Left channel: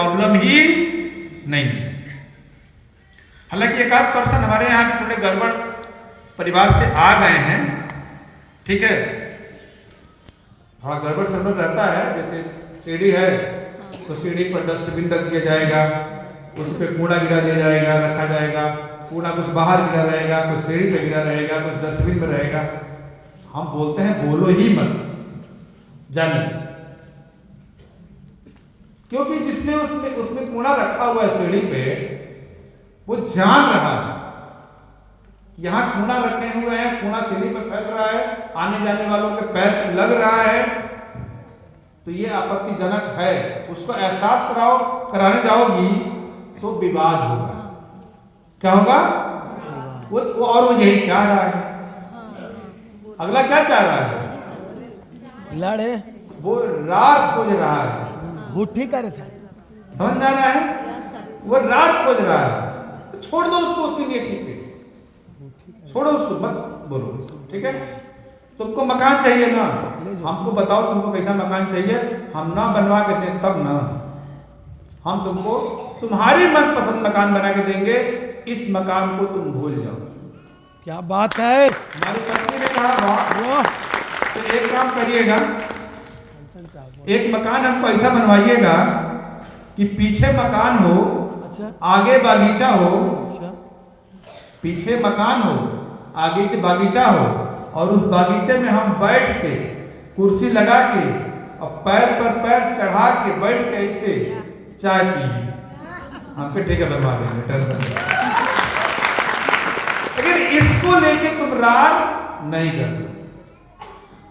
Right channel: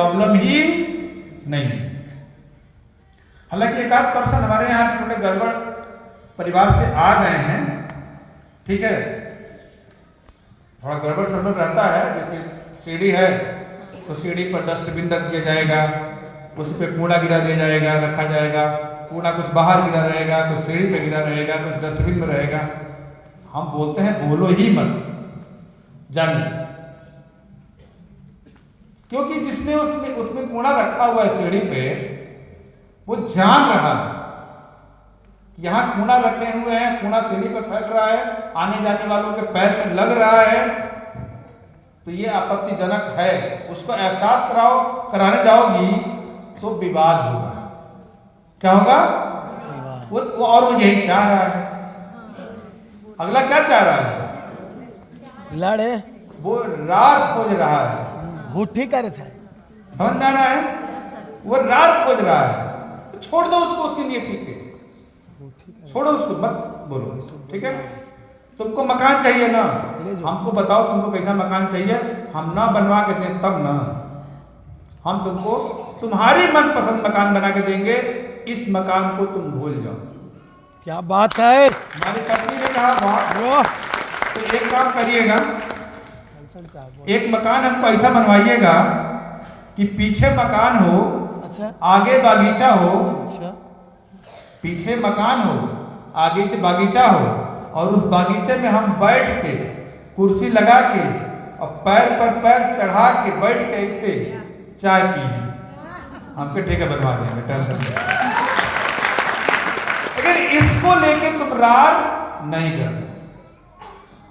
Problem ही नहीं। हालांकि एक आध पर्सन हमारे यहाँ थोड़े गड़बड़ परिवार से आ गए हैं, ठीक है, थोड़ा गड़बड़ सब रहता है। जैसे सीढ़ी है तो सीढ़ी पर डस्टबिन रख दिया जाएगा, उस पर कूड़ा गिरा दिया जाएगा, रखा जाएगा, कूड़ा कुछ बाहर गिरा रहेगा, कुछ सीढ़ी पे गिरा रहेगा, कुछ डस्टबिन में रहेगा। हम बोलते हैं बोलो ही मत, जानिए, क्योंकि जिसने उसमें कूड़ा रखा हुआ है सीढ़ी पे, वो जान रहा है यहाँ कूड़ा रखे हुए हैं, कूड़ा सीढ़ी पर फैल रहा है, आने जाने वालों के पैर में लग रहा है, तो ये आपत्तिजनक है। उसको एहसास कराने जाओगी तो विवाद होगा। क्या होगा? वो और वो यही चाह रहा है। अगला क्या चाह रहा है? लड़े, वो रार खोज रहा है। भूठी करे था, समझ में आ रहा है? वो रार खोज रहा है, तो छोड़ दो उसको, उसकी नियति पे छोड़ो उसको, मत बोलो, ठीक है। तुमको मकान चाहिए ना, हमको बताओ तुमको कैसा मकान चाहिए, हम ना बनवा के दें तब ना, हम तुमको तुम्हारी मनपसंद मकान बना के देंगे, इस मकान को तुम भूल जाओ। क्या बात है। हमारी कंपनी ने कहा तो एक काम करिएगा, एक मकान हमको ऐसा बनवाइएगा कि पीछे मकान हो, अच्छा, आगे बागीचा हो, अच्छा, पीछे मकान हो, आगे बागीचा हो, और उस बागीचे में हम बैठ के कुर्सी लगा के और पैर पर पैर चढ़ा के बैठ के ऐसे चाय पिए। हमको ठीक है, बनवा देंगे। अगर इसको लेके तुम रार नहीं करते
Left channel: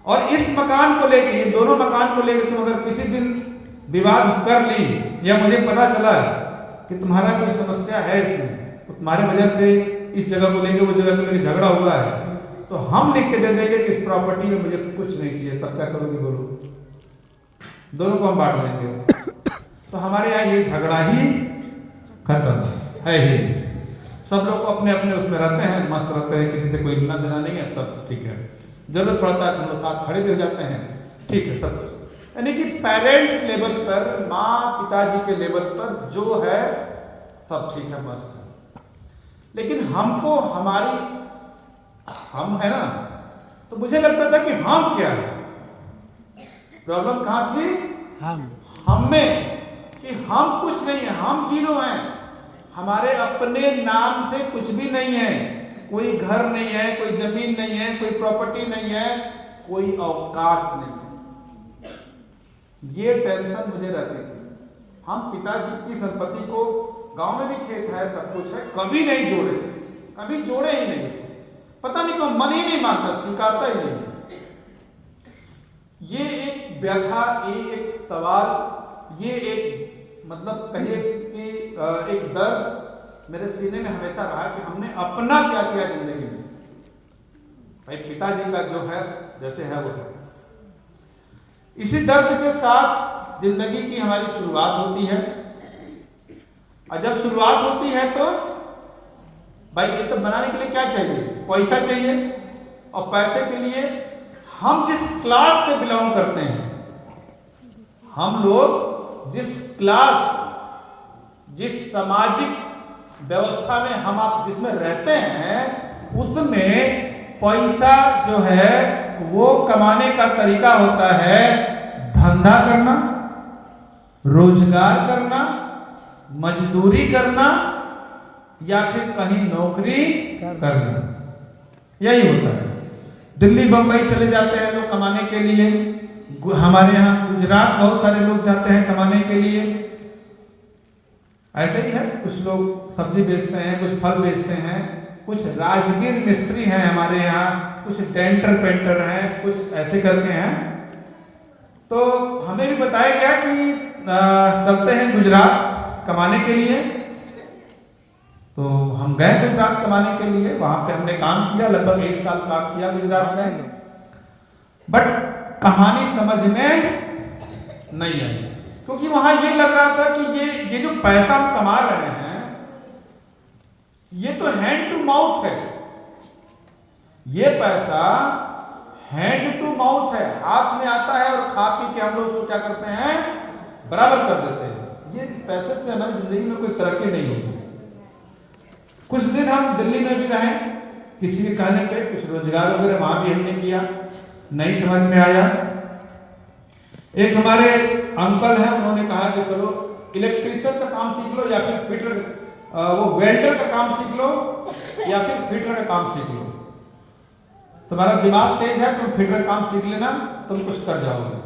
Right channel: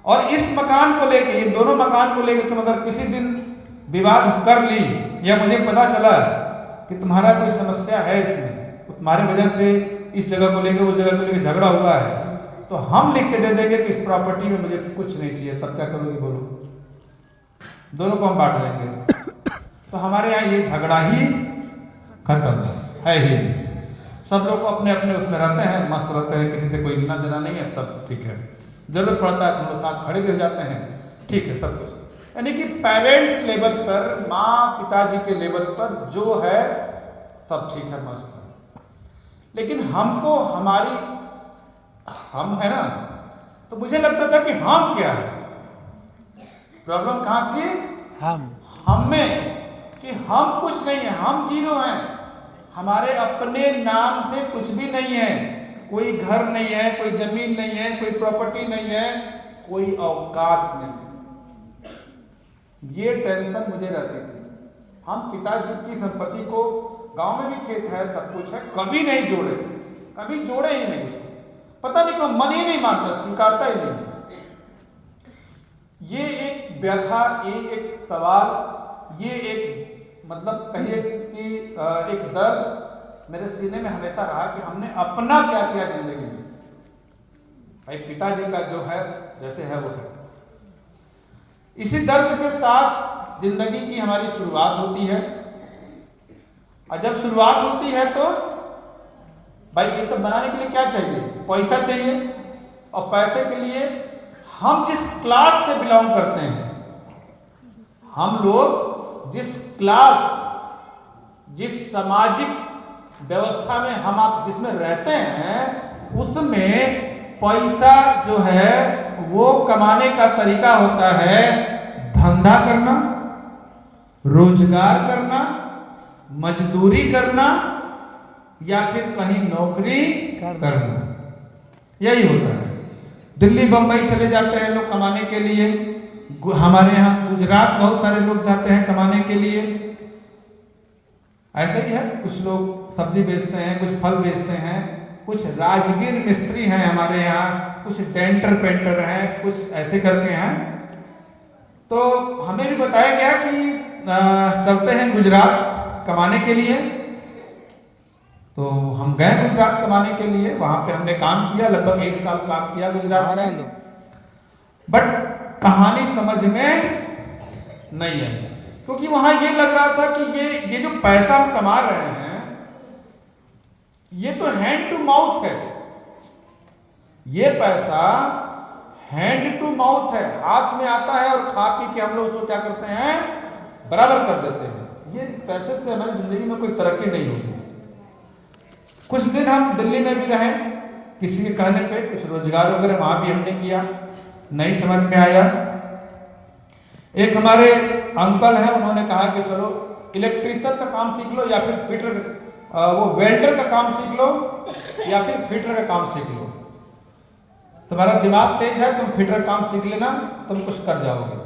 और इस मकान को लेके, ये दोनों मकान को लेके तुम अगर किसी दिन विवाद कर ली, या मुझे पता चला कि तुम्हारा कोई समस्या है इसमें, तो तुम्हारे वजह से इस जगह को लेके, वो जगह को लेके झगड़ा हुआ है, तो हम लिख के दे देंगे कि इस प्रॉपर्टी में मुझे कुछ नहीं चाहिए, तब क्या करोगे? बोलो, दोनों को हम बांट लेंगे, तो हमारे यहाँ ये झगड़ा ही खत्म है ही। सब लोग अपने अपने उसमें रहते हैं, मस्त रहते हैं, किसी से कोई लेना देना नहीं है, सब ठीक है। जरूरत पड़ता है तो हम लोग साथ खड़े भी हो जाते हैं, ठीक है, सब कुछ। यानी कि पेरेंट्स लेवल पर, माँ पिताजी के लेवल पर जो है सब ठीक है, मस्त है। लेकिन हमको हम है ना, तो मुझे लगता था कि हम क्या है, प्रॉब्लम कहाँ थी? हम में, कि हम कुछ नहीं है, हम जीरो हैं, हमारे अपने नाम से कुछ भी नहीं है, कोई घर नहीं है, कोई जमीन नहीं है, कोई प्रॉपर्टी नहीं है, कोई औकात नहीं है। ये टेंशन मुझे रहती थी। हम पिताजी की संपत्ति को, गांव में भी खेत है, सब कुछ है, कभी नहीं जोड़े, कभी जोड़े ही नहीं, पता नहीं क्यों मन ही नहीं मानता, स्वीकारता ही नहीं। ये एक व्यथा, ये एक सवाल, ये एक मतलब कहिए कि एक दर्द मेरे सीने में हमेशा रहा कि हमने अपना क्या किया जिंदगी में। भाई पिताजी का जो है जैसे है वो है। इसी दर्द के साथ जिंदगी की हमारी शुरुआत होती है, और जब शुरुआत होती है तो भाई ये सब बनाने के लिए क्या चाहिए? पैसा चाहिए, और पैसे के लिए हम जिस क्लास से बिलोंग करते हैं, हम लोग जिस क्लास, जिस सामाजिक व्यवस्था में हम आप जिसमें रहते हैं, उसमें पैसा जो है वो कमाने का तरीका होता है धंधा करना, रोजगार करना, मजदूरी करना, या फिर कहीं नौकरी करना, यही होता है। दिल्ली बंबई चले जाते हैं लोग कमाने के लिए, हमारे यहाँ गुजरात बहुत सारे लोग जाते हैं कमाने के लिए, ऐसा ही है। कुछ लोग सब्जी बेचते हैं, कुछ फल बेचते हैं, कुछ राजगीर मिस्त्री हैं हमारे यहाँ, कुछ डेंटर पेंटर हैं, कुछ ऐसे करके हैं। तो हमें भी बताया गया कि चलते हैं गुजरात कमाने के लिए, तो हम गए गुजरात कमाने के लिए। वहां पे हमने काम किया, लगभग 1 साल काम किया गुजरात में, बट कहानी समझ में नहीं आई, क्योंकि वहां ये लग रहा था कि ये जो पैसा हम कमा रहे हैं, ये तो हैंड टू माउथ है, ये पैसा हैंड टू माउथ है, हाथ में आता है और खा पी के हम लोग उसको क्या करते हैं, बराबर कर देते हैं। ये पैसे से हमारी जिंदगी में कोई तरक्की नहीं है। कुछ दिन हम दिल्ली में भी रहे, किसी के कहने पे कुछ रोजगार वगैरह वहां भी हमने किया, नहीं समझ में आया। एक हमारे अंकल हैं, उन्होंने कहा कि चलो इलेक्ट्रीशियन का काम सीख लो या फिर फिटर वो वेल्डर का काम सीख लो या फिर फिटर का काम सीख लो, तुम्हारा दिमाग तेज है, तुम फिटर काम सीख लेना, तुम कुछ कर जाओगे,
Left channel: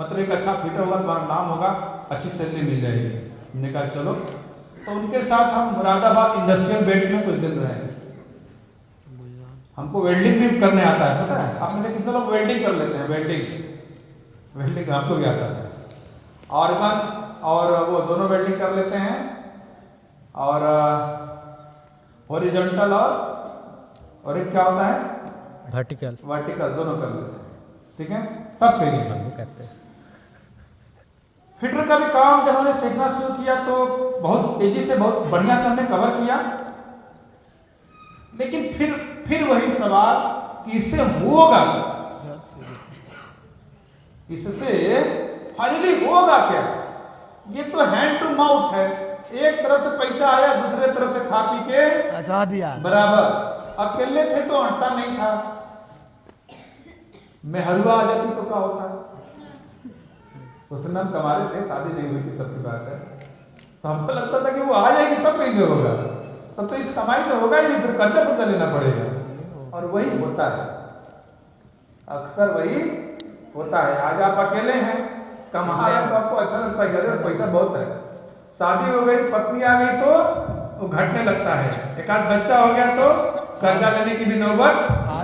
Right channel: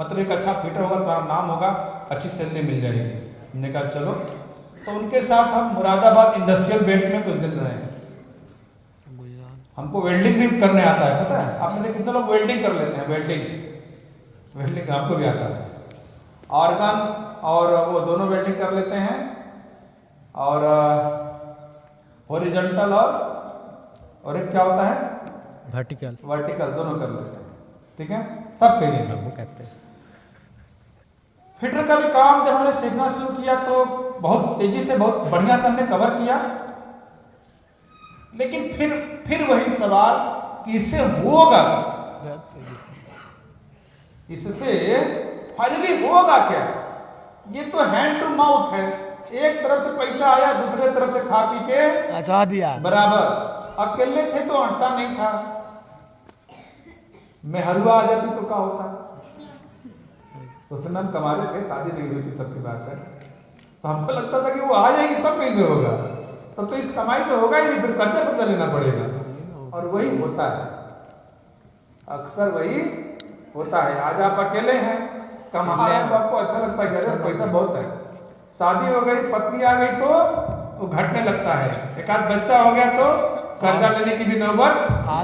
मतलब एक अच्छा फिटर होगा, तुम्हारा नाम होगा, अच्छी सैलरी मिल जाएगी। हमने कहा चलो, तो उनके साथ हम मुरादाबाद इंडस्ट्रियल बेल्ट में कुछ दिन रहे। हमको वेल्डिंग भी करने आता है, पता है आप में कितने लोग वेल्डिंग कर लेते हैं, वेल्डिंग आपको भी आता है, ऑर्गन और वो दोनों वेल्डिंग कर लेते हैं, और हॉरिजॉन्टल और एक क्या होता है वर्टिकल दोनों कर लेते हैं, ठीक है, सब करेंगे वो कहते हैं। फिटर का भी काम जब हमने सीखना शुरू किया तो बहुत तेजी से, बहुत बढ़िया से हमने कवर किया, लेकिन फिर वही सवाल कि इससे होगा, इससे फाइनली होगा क्या? ये तो हैंड टू माउथ है, एक तरफ से पैसा आया, दूसरे तरफ से खा पी के अच्छा दिया बराबर। अकेले थे तो अटता नहीं था, मैं हलवा आ जाती तो क्या होता? उस दिन हम कमा रहे थे, शादी नहीं हुई थी तब की बात है, तो हमको लगता था कि वो आ जाएगी तब कैसे होगा, तब तो इस कमाई तो होगा ही नहीं, फिर कर्जा लेना पड़ेगा। और वही होता है, अक्सर वही होता है। आज आप अकेले हैं, कमा रहे हैं तो आपको अच्छा लगता है, अरे पैसा बहुत है, शादी हो गई, पत्नी आ गई तो वो घटने लगता है, एक आध बच्चा हो गया तो कर्जा लेने की भी नौबत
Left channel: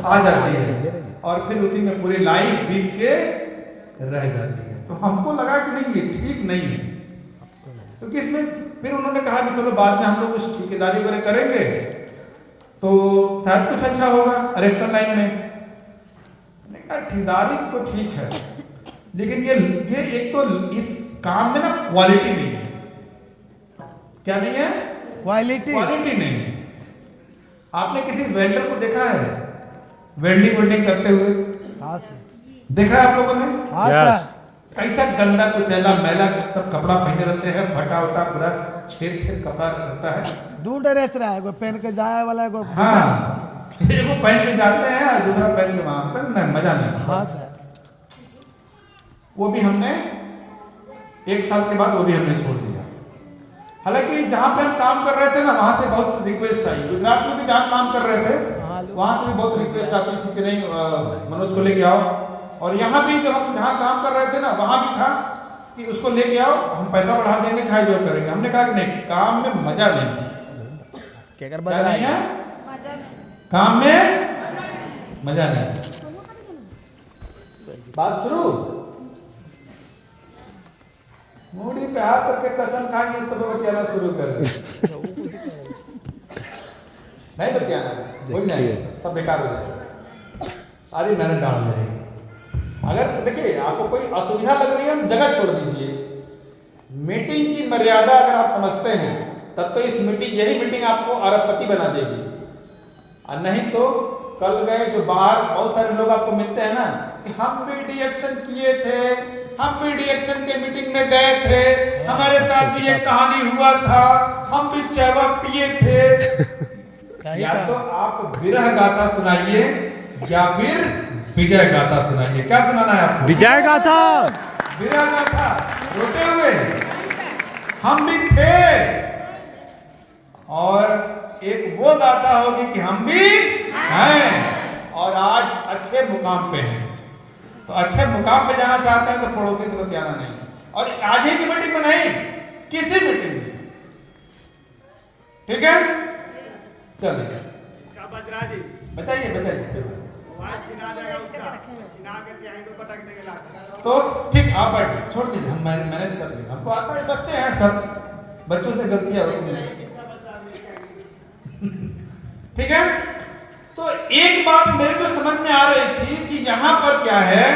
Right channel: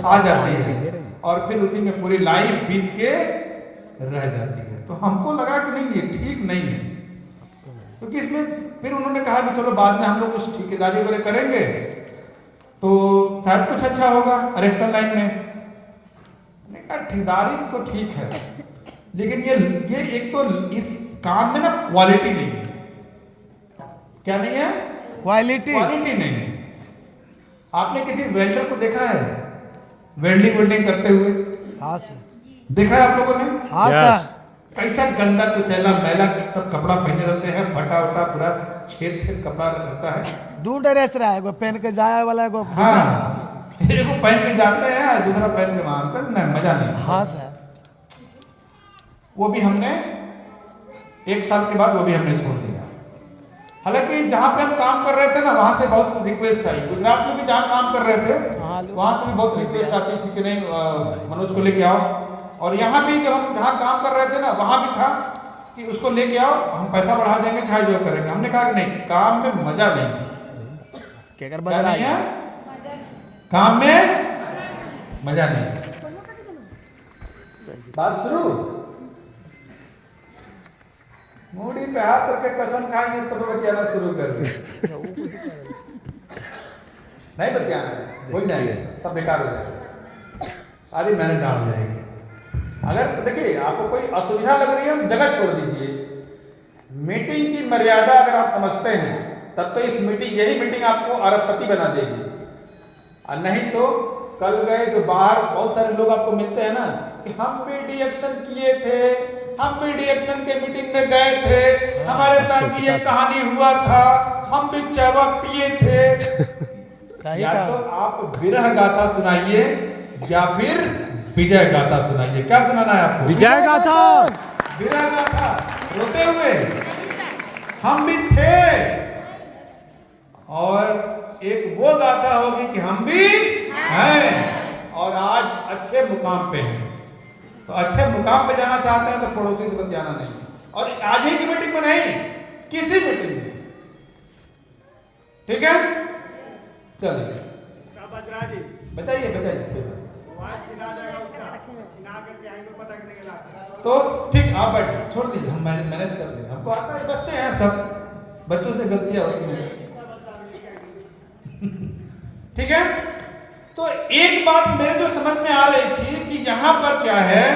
आ जाती है, और फिर उसी में पूरी लाइफ बीत के रह जाती है। तो हमको लगा कि नहीं, ये ठीक नहीं है, क्योंकि इसमें फिर उन्होंने कहा कि चलो बाद में हम लोग कुछ ठेकेदारी वगैरह करेंगे तो शायद कुछ अच्छा होगा इलेक्शन लाइन में। ठेकेदारी तो ठीक है, लेकिन ये एक तो इस काम में ना क्वालिटी नहीं है। क्या नहीं है? क्वालिटी नहीं है। आपने किसी वेल्डर को देखा है वेल्डिंग करते हुए? हाँ सर, देखा है आप लोगों ने? हाँ Yes. सर, कैसा गंदा कुचैला मैला सब कपड़ा पहने रहते हैं, फटा उटा पूरा छेद कपड़ा लगता है। दो ड्रेस रहा है, एगो पहन के जाए वाला, एगो हाँ, एगो पहन के जाते हैं और दूसरा पहन के वहां पर ना, मजा नहीं। हाँ सर, वो भी हमने 1 साल के बाद वो भी हमने छोड़ दिया। हालांकि जहाँ पे हम काम कर रहे थे ना, वहां से बहुत रिक्वेस्ट आई। गुजरात में भी जहाँ काम कर रहे थे वहां से भी बहुत रिक्वेस्ट आती थी कि नहीं मनोज को लेके आओ, और यहाँ भी जब हम जहाँ काम कर रहे थे ना, वहां भी था कि उसको लेके आओ, हम पैसा बढ़ा देंगे, चाहे जो करेंगे। हमने कहा कि नहीं, काम में मजा नहीं। क्या कर क्या नहीं है? मजा नहीं, काम में मजा नहीं। बात शुरू, मूडी पे हाथ रख के कसम खाएंगे तो बतियाना शुरू कर दे। नहीं बतियाना, कोई नहीं, सब बेकार हो जाएगा। अरे मैंने डाल जाएगी। अगर देखिए आपको कोई असुविधा लग रही है, जगह छोड़ दीजिए। मीटिंग की मर्यादा अगर आप समझते हैं, तब तो इस यही मीटिंग आपको अरबपति बना देगी। और नहीं तो कल गए जो बाहर बहुत सारे लोग आपको मिलते हैं ना, कि हम भी डीएक्शन किए थे, हम भी डीएक्शन के मीटिंग में गए थे, हमारे साथ भी ये कहानी हुआ था, हम भी चावा पिए थे। या तो आप विरह गाथा सुनाइए या फिर विजय गाथा सुनाइए। क्या सुनाना है आपको? विजय गाथा, विरह गाथा रोते हुए हम भी थे, और एक वो गाथा होगी कि हम भी हैं और आज अच्छे मुकाम पे हैं। तो अच्छे मुकाम पे जाना चाहते हैं तो पड़ोसी से बतियाना नहीं, और आज ही की मीटिंग में नहीं, किसी मीटिंग में, ठीक है? चलिए बताइए तो ठीक, आप बैठिए, छोड़ दीजिए, हम मैनेज कर लेंगे। हमको आता है, बच्चे हैं सब, बच्चों से गलतियां होती हैं। ठीक है? तो एक बात मेरे जो समझ में आ रही थी कि यहां पर क्या है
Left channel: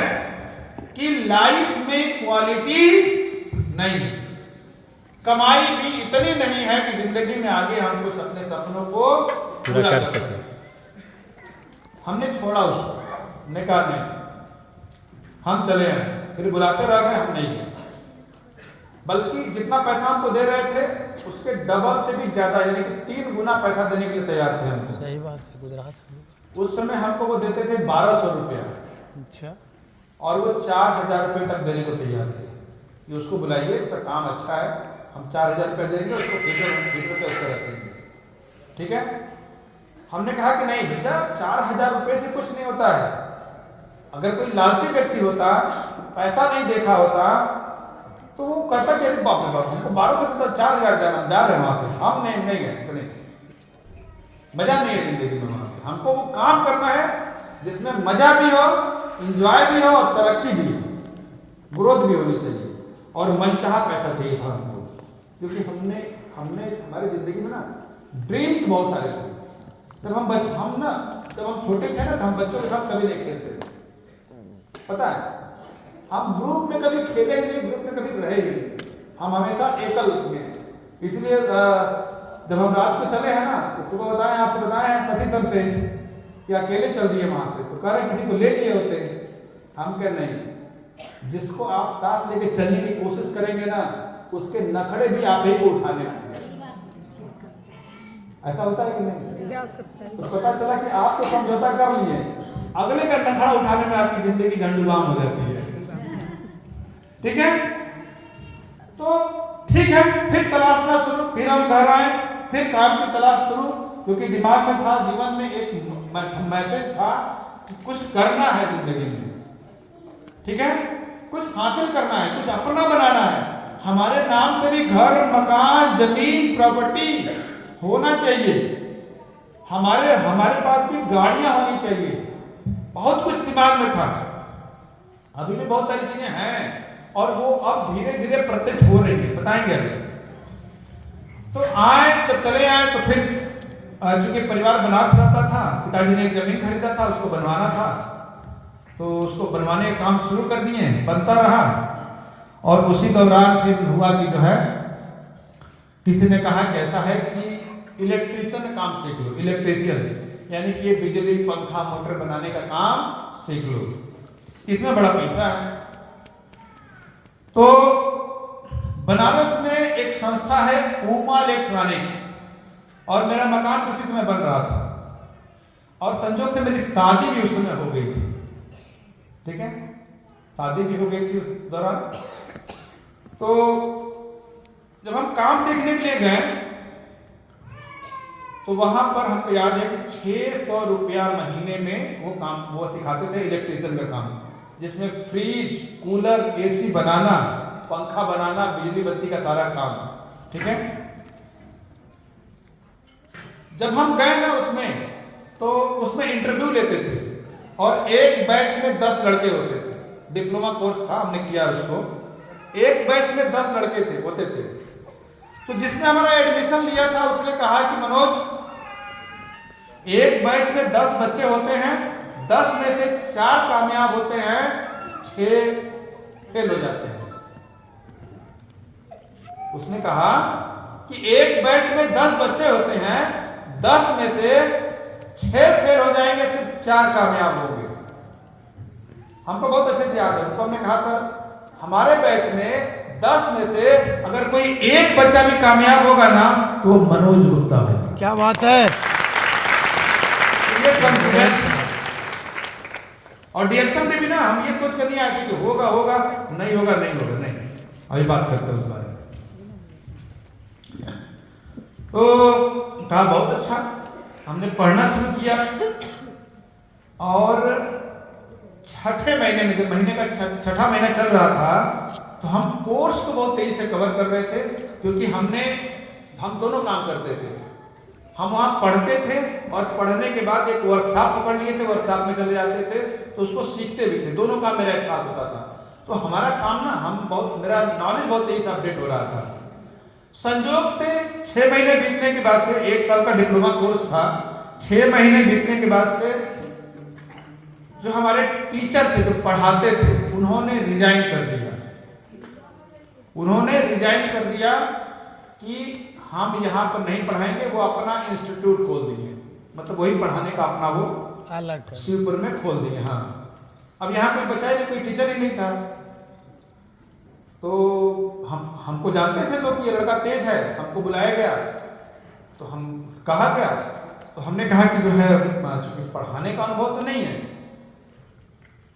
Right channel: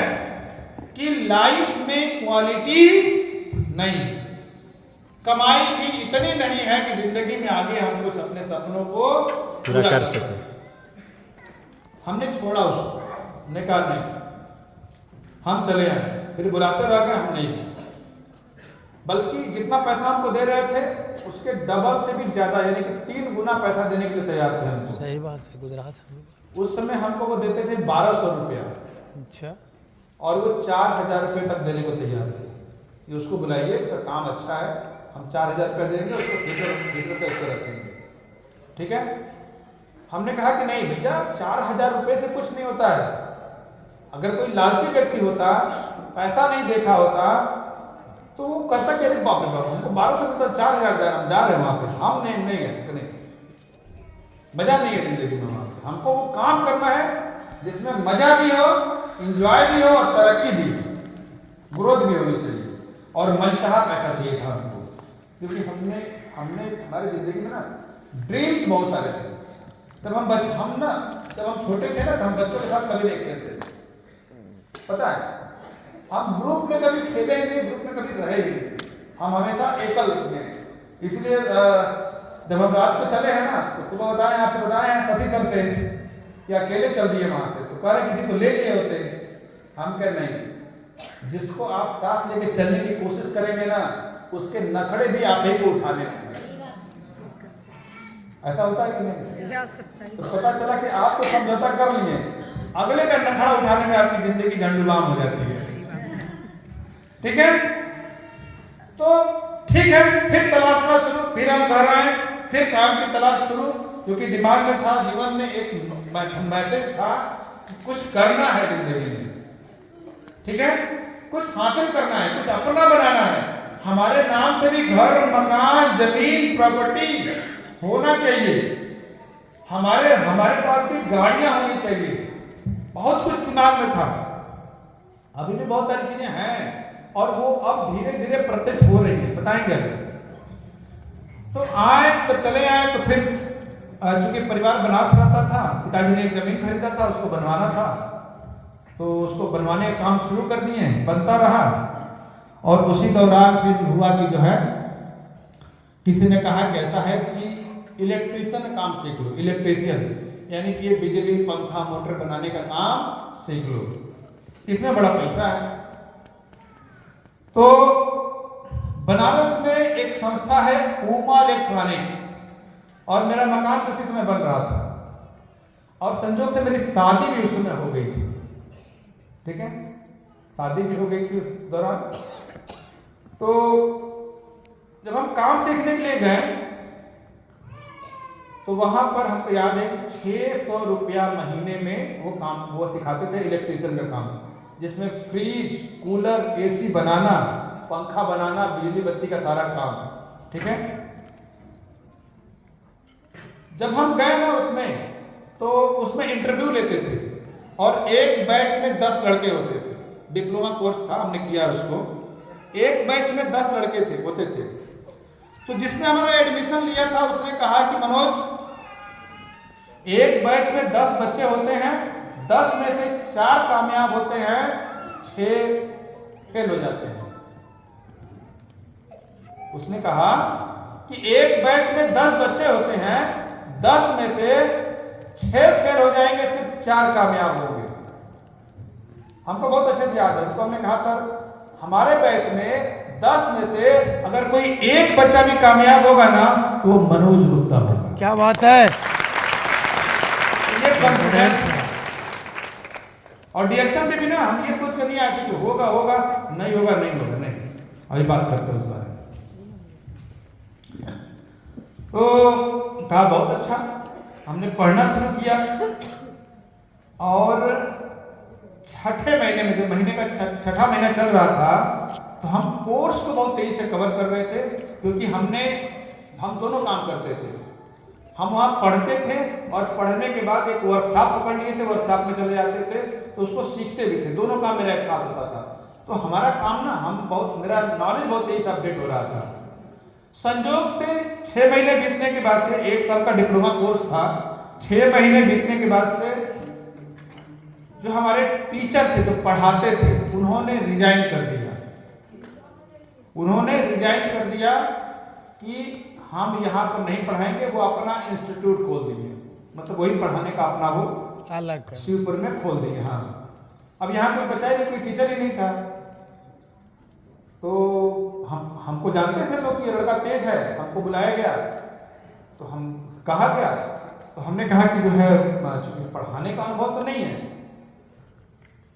कि लाइफ में क्वालिटी नहीं, कमाई भी इतनी नहीं है कि जिंदगी में आगे हम कुछ अपने सपनों को पूरा कर सके। हमने छोड़ा उसको, हमने कहा नहीं, हम चले आए, फिर बुलाते रह गए, हम नहीं गए। बल्कि जितना पैसा हमको दे रहे थे उसके डबल से भी ज्यादा, यानी कि 3 गुना पैसा देने के लिए तैयार थे हमको। सही बात है, गुजरात है। उस समय हमको वो देते थे 1200 रुपया, अच्छा, और वो 4000 रुपये तक देने को तैयार थे कि उसको बुलाइए, उसका काम अच्छा है, हम 4000 रुपया देंगे, उसको ठेके पे उसको रखेंगे, ठीक है। हमने कहा कि नहीं भैया, 4000 रुपये से कुछ नहीं होता है। अगर कोई लालची व्यक्ति होता, पैसा नहीं देखा होता, तो वो कहता कि बाप रे बाप, हमको 1200 4000 हम जा रहे हैं वहां पे, हम नहीं गए, मजा नहीं है जिंदगी में वहां पे। हमको वो काम करना है जिसमें मजा भी हो, इंजॉय भी हो और तरक्की भी हो, ग्रोथ भी होनी चाहिए, और मनचाहा पैसा चाहिए था हमको, क्योंकि हमने हमारी जिंदगी में ना ड्रीम्स बहुत सारे थे। जब हम छोटे थे ना, तो हम बच्चों के साथ कभी नहीं खेलते थे, पता है, हम ग्रुप में कभी खेले नहीं, ग्रुप में कभी रहे ही नहीं, हम हमेशा एकल हुए। इसलिए जब हम रात को चले हैं ना, तो सुबह आपसे बताए हैं कथी करते हैं कि अकेले चल दिए वहां पे, तो कह रहे किसी को ले लिए होते। हम कह नहीं, जिसको आप साथ लेके चलने की कोशिश करेंगे ना, उसके नखड़े भी आप ही को उठाने हैं। ऐसा होता है कि नहीं? तो पता चला कि आप तो समझौता कर लिए, अगले का नखड़ा उठाने में आपकी जिंदगी झंडुबाम हो जाती है, ठीक है। तो ठीक है, फिर तलाशना शुरू, फिर हम घर आए, फिर काम की तलाश शुरू, क्योंकि दिमाग में था, जीवन में एक मैसेज था कि कुछ करना है जिंदगी में, ठीक है, कुछ हासिल करना है, कुछ अपना बनाना है। हमारे नाम से भी घर, मकान, जमीन, प्रॉपर्टी होना चाहिए, हमारे पास भी गाड़ियां होनी चाहिए, बहुत कुछ दिमाग में था। अभी भी बहुत सारी चीजें हैं, और वो अब धीरे धीरे प्रत्यक्ष हो रही है, बताएंगे अभी। तो चले आए, तो फिर चूंकि परिवार बनारस रहता था, पिताजी ने एक जमीन खरीदा था, उसको बनवाना था, तो उसको बनवाने का काम शुरू कर दिए, बनता रहा। और उसी दौरान फिर हुआ कि जो है, किसी ने कहा कि ऐसा है कि इलेक्ट्रीशियन काम सीख लो, इलेक्ट्रीशियन यानी कि बिजली, पंखा, मोटर बनाने का काम सीख लो, इसमें बड़ा पैसा है। तो बनारस में एक संस्था है उमा इलेक्ट्रॉनिक, और मेरा मकान उसी समय बन रहा था, और संजोग से मेरी शादी भी उस समय हो गई थी, ठीक है, शादी भी हो गई थी उस दौरान। तो जब हम काम सीखने के लिए गए, तो वहां पर हमको याद है कि 600 रुपया महीने में वो सिखाते थे इलेक्ट्रीशियन का काम, जिसमें फ्रिज, कूलर, एसी बनाना, पंखा बनाना, बिजली बत्ती का सारा काम, ठीक है। जब हम गए ना उसमें, तो उसमें इंटरव्यू लेते थे, और एक बैच में 10 लड़के होते थे, डिप्लोमा कोर्स था, हमने किया उसको, एक बैच में 10 लड़के होते थे। तो जिसने हमारा एडमिशन लिया था, उसने कहा कि मनोज, एक बैच में 10 बच्चे होते हैं, 10 में से 4 कामयाब होते हैं, 6 फेल हो जाते हैं। उसने कहा कि एक बैच में 10 बच्चे होते हैं, 10 में से 6 फेल हो जाएंगे, सिर्फ 4 कामयाब होंगे। हमको बहुत अच्छे से याद है, उसको हमने कहा सर, हमारे बैच में 10 में से अगर कोई एक बच्चा भी कामयाब होगा ना, तो मनोज गुप्ता होगा। क्या बात है। ये कॉन्फिडेंस है। और डिएक्शन में भी ना हम ये सोच कर नहीं आए कि होगा नहीं होगा, नहीं अभी बात करते हैं उस बारे में। तो था बहुत अच्छा, हमने पढ़ना शुरू किया, और छठे महीने में, जब महीने का छठा महीना चल रहा था, तो हम कोर्स को बहुत तेजी से कवर कर रहे थे, क्योंकि हम दोनों काम करते थे। हम वहाँ पढ़ते थे, और पढ़ने के बाद एक वर्कशॉप पकड़ लिए थे, वर्कशॉप में चले जाते थे, तो उसको सीखते भी थे, दोनों काम मेरा एक साथ होता था। तो हमारा काम ना, मेरा नॉलेज बहुत तेजी से अपडेट हो रहा था। संयोग से 6 महीने बीतने के बाद से, 1 साल का डिप्लोमा कोर्स था, 6 महीने बीतने के बाद से जो हमारे टीचर थे, जो पढ़ाते थे, उन्होंने रिजाइन कर दिया कि हम यहाँ पर नहीं पढ़ाएंगे, वो अपना इंस्टीट्यूट खोल देंगे, मतलब वही पढ़ाने का अपना वो अलग शिवपुर में खोल देंगे। हाँ, अब यहाँ पे बचा कोई टीचर ही नहीं था। तो हमको जानते थे तो कि ये लड़का तेज है, हमको बुलाया गया तो हम कहा गया, तो हमने कहा कि जो है चूंकि पढ़ाने का अनुभव तो नहीं है,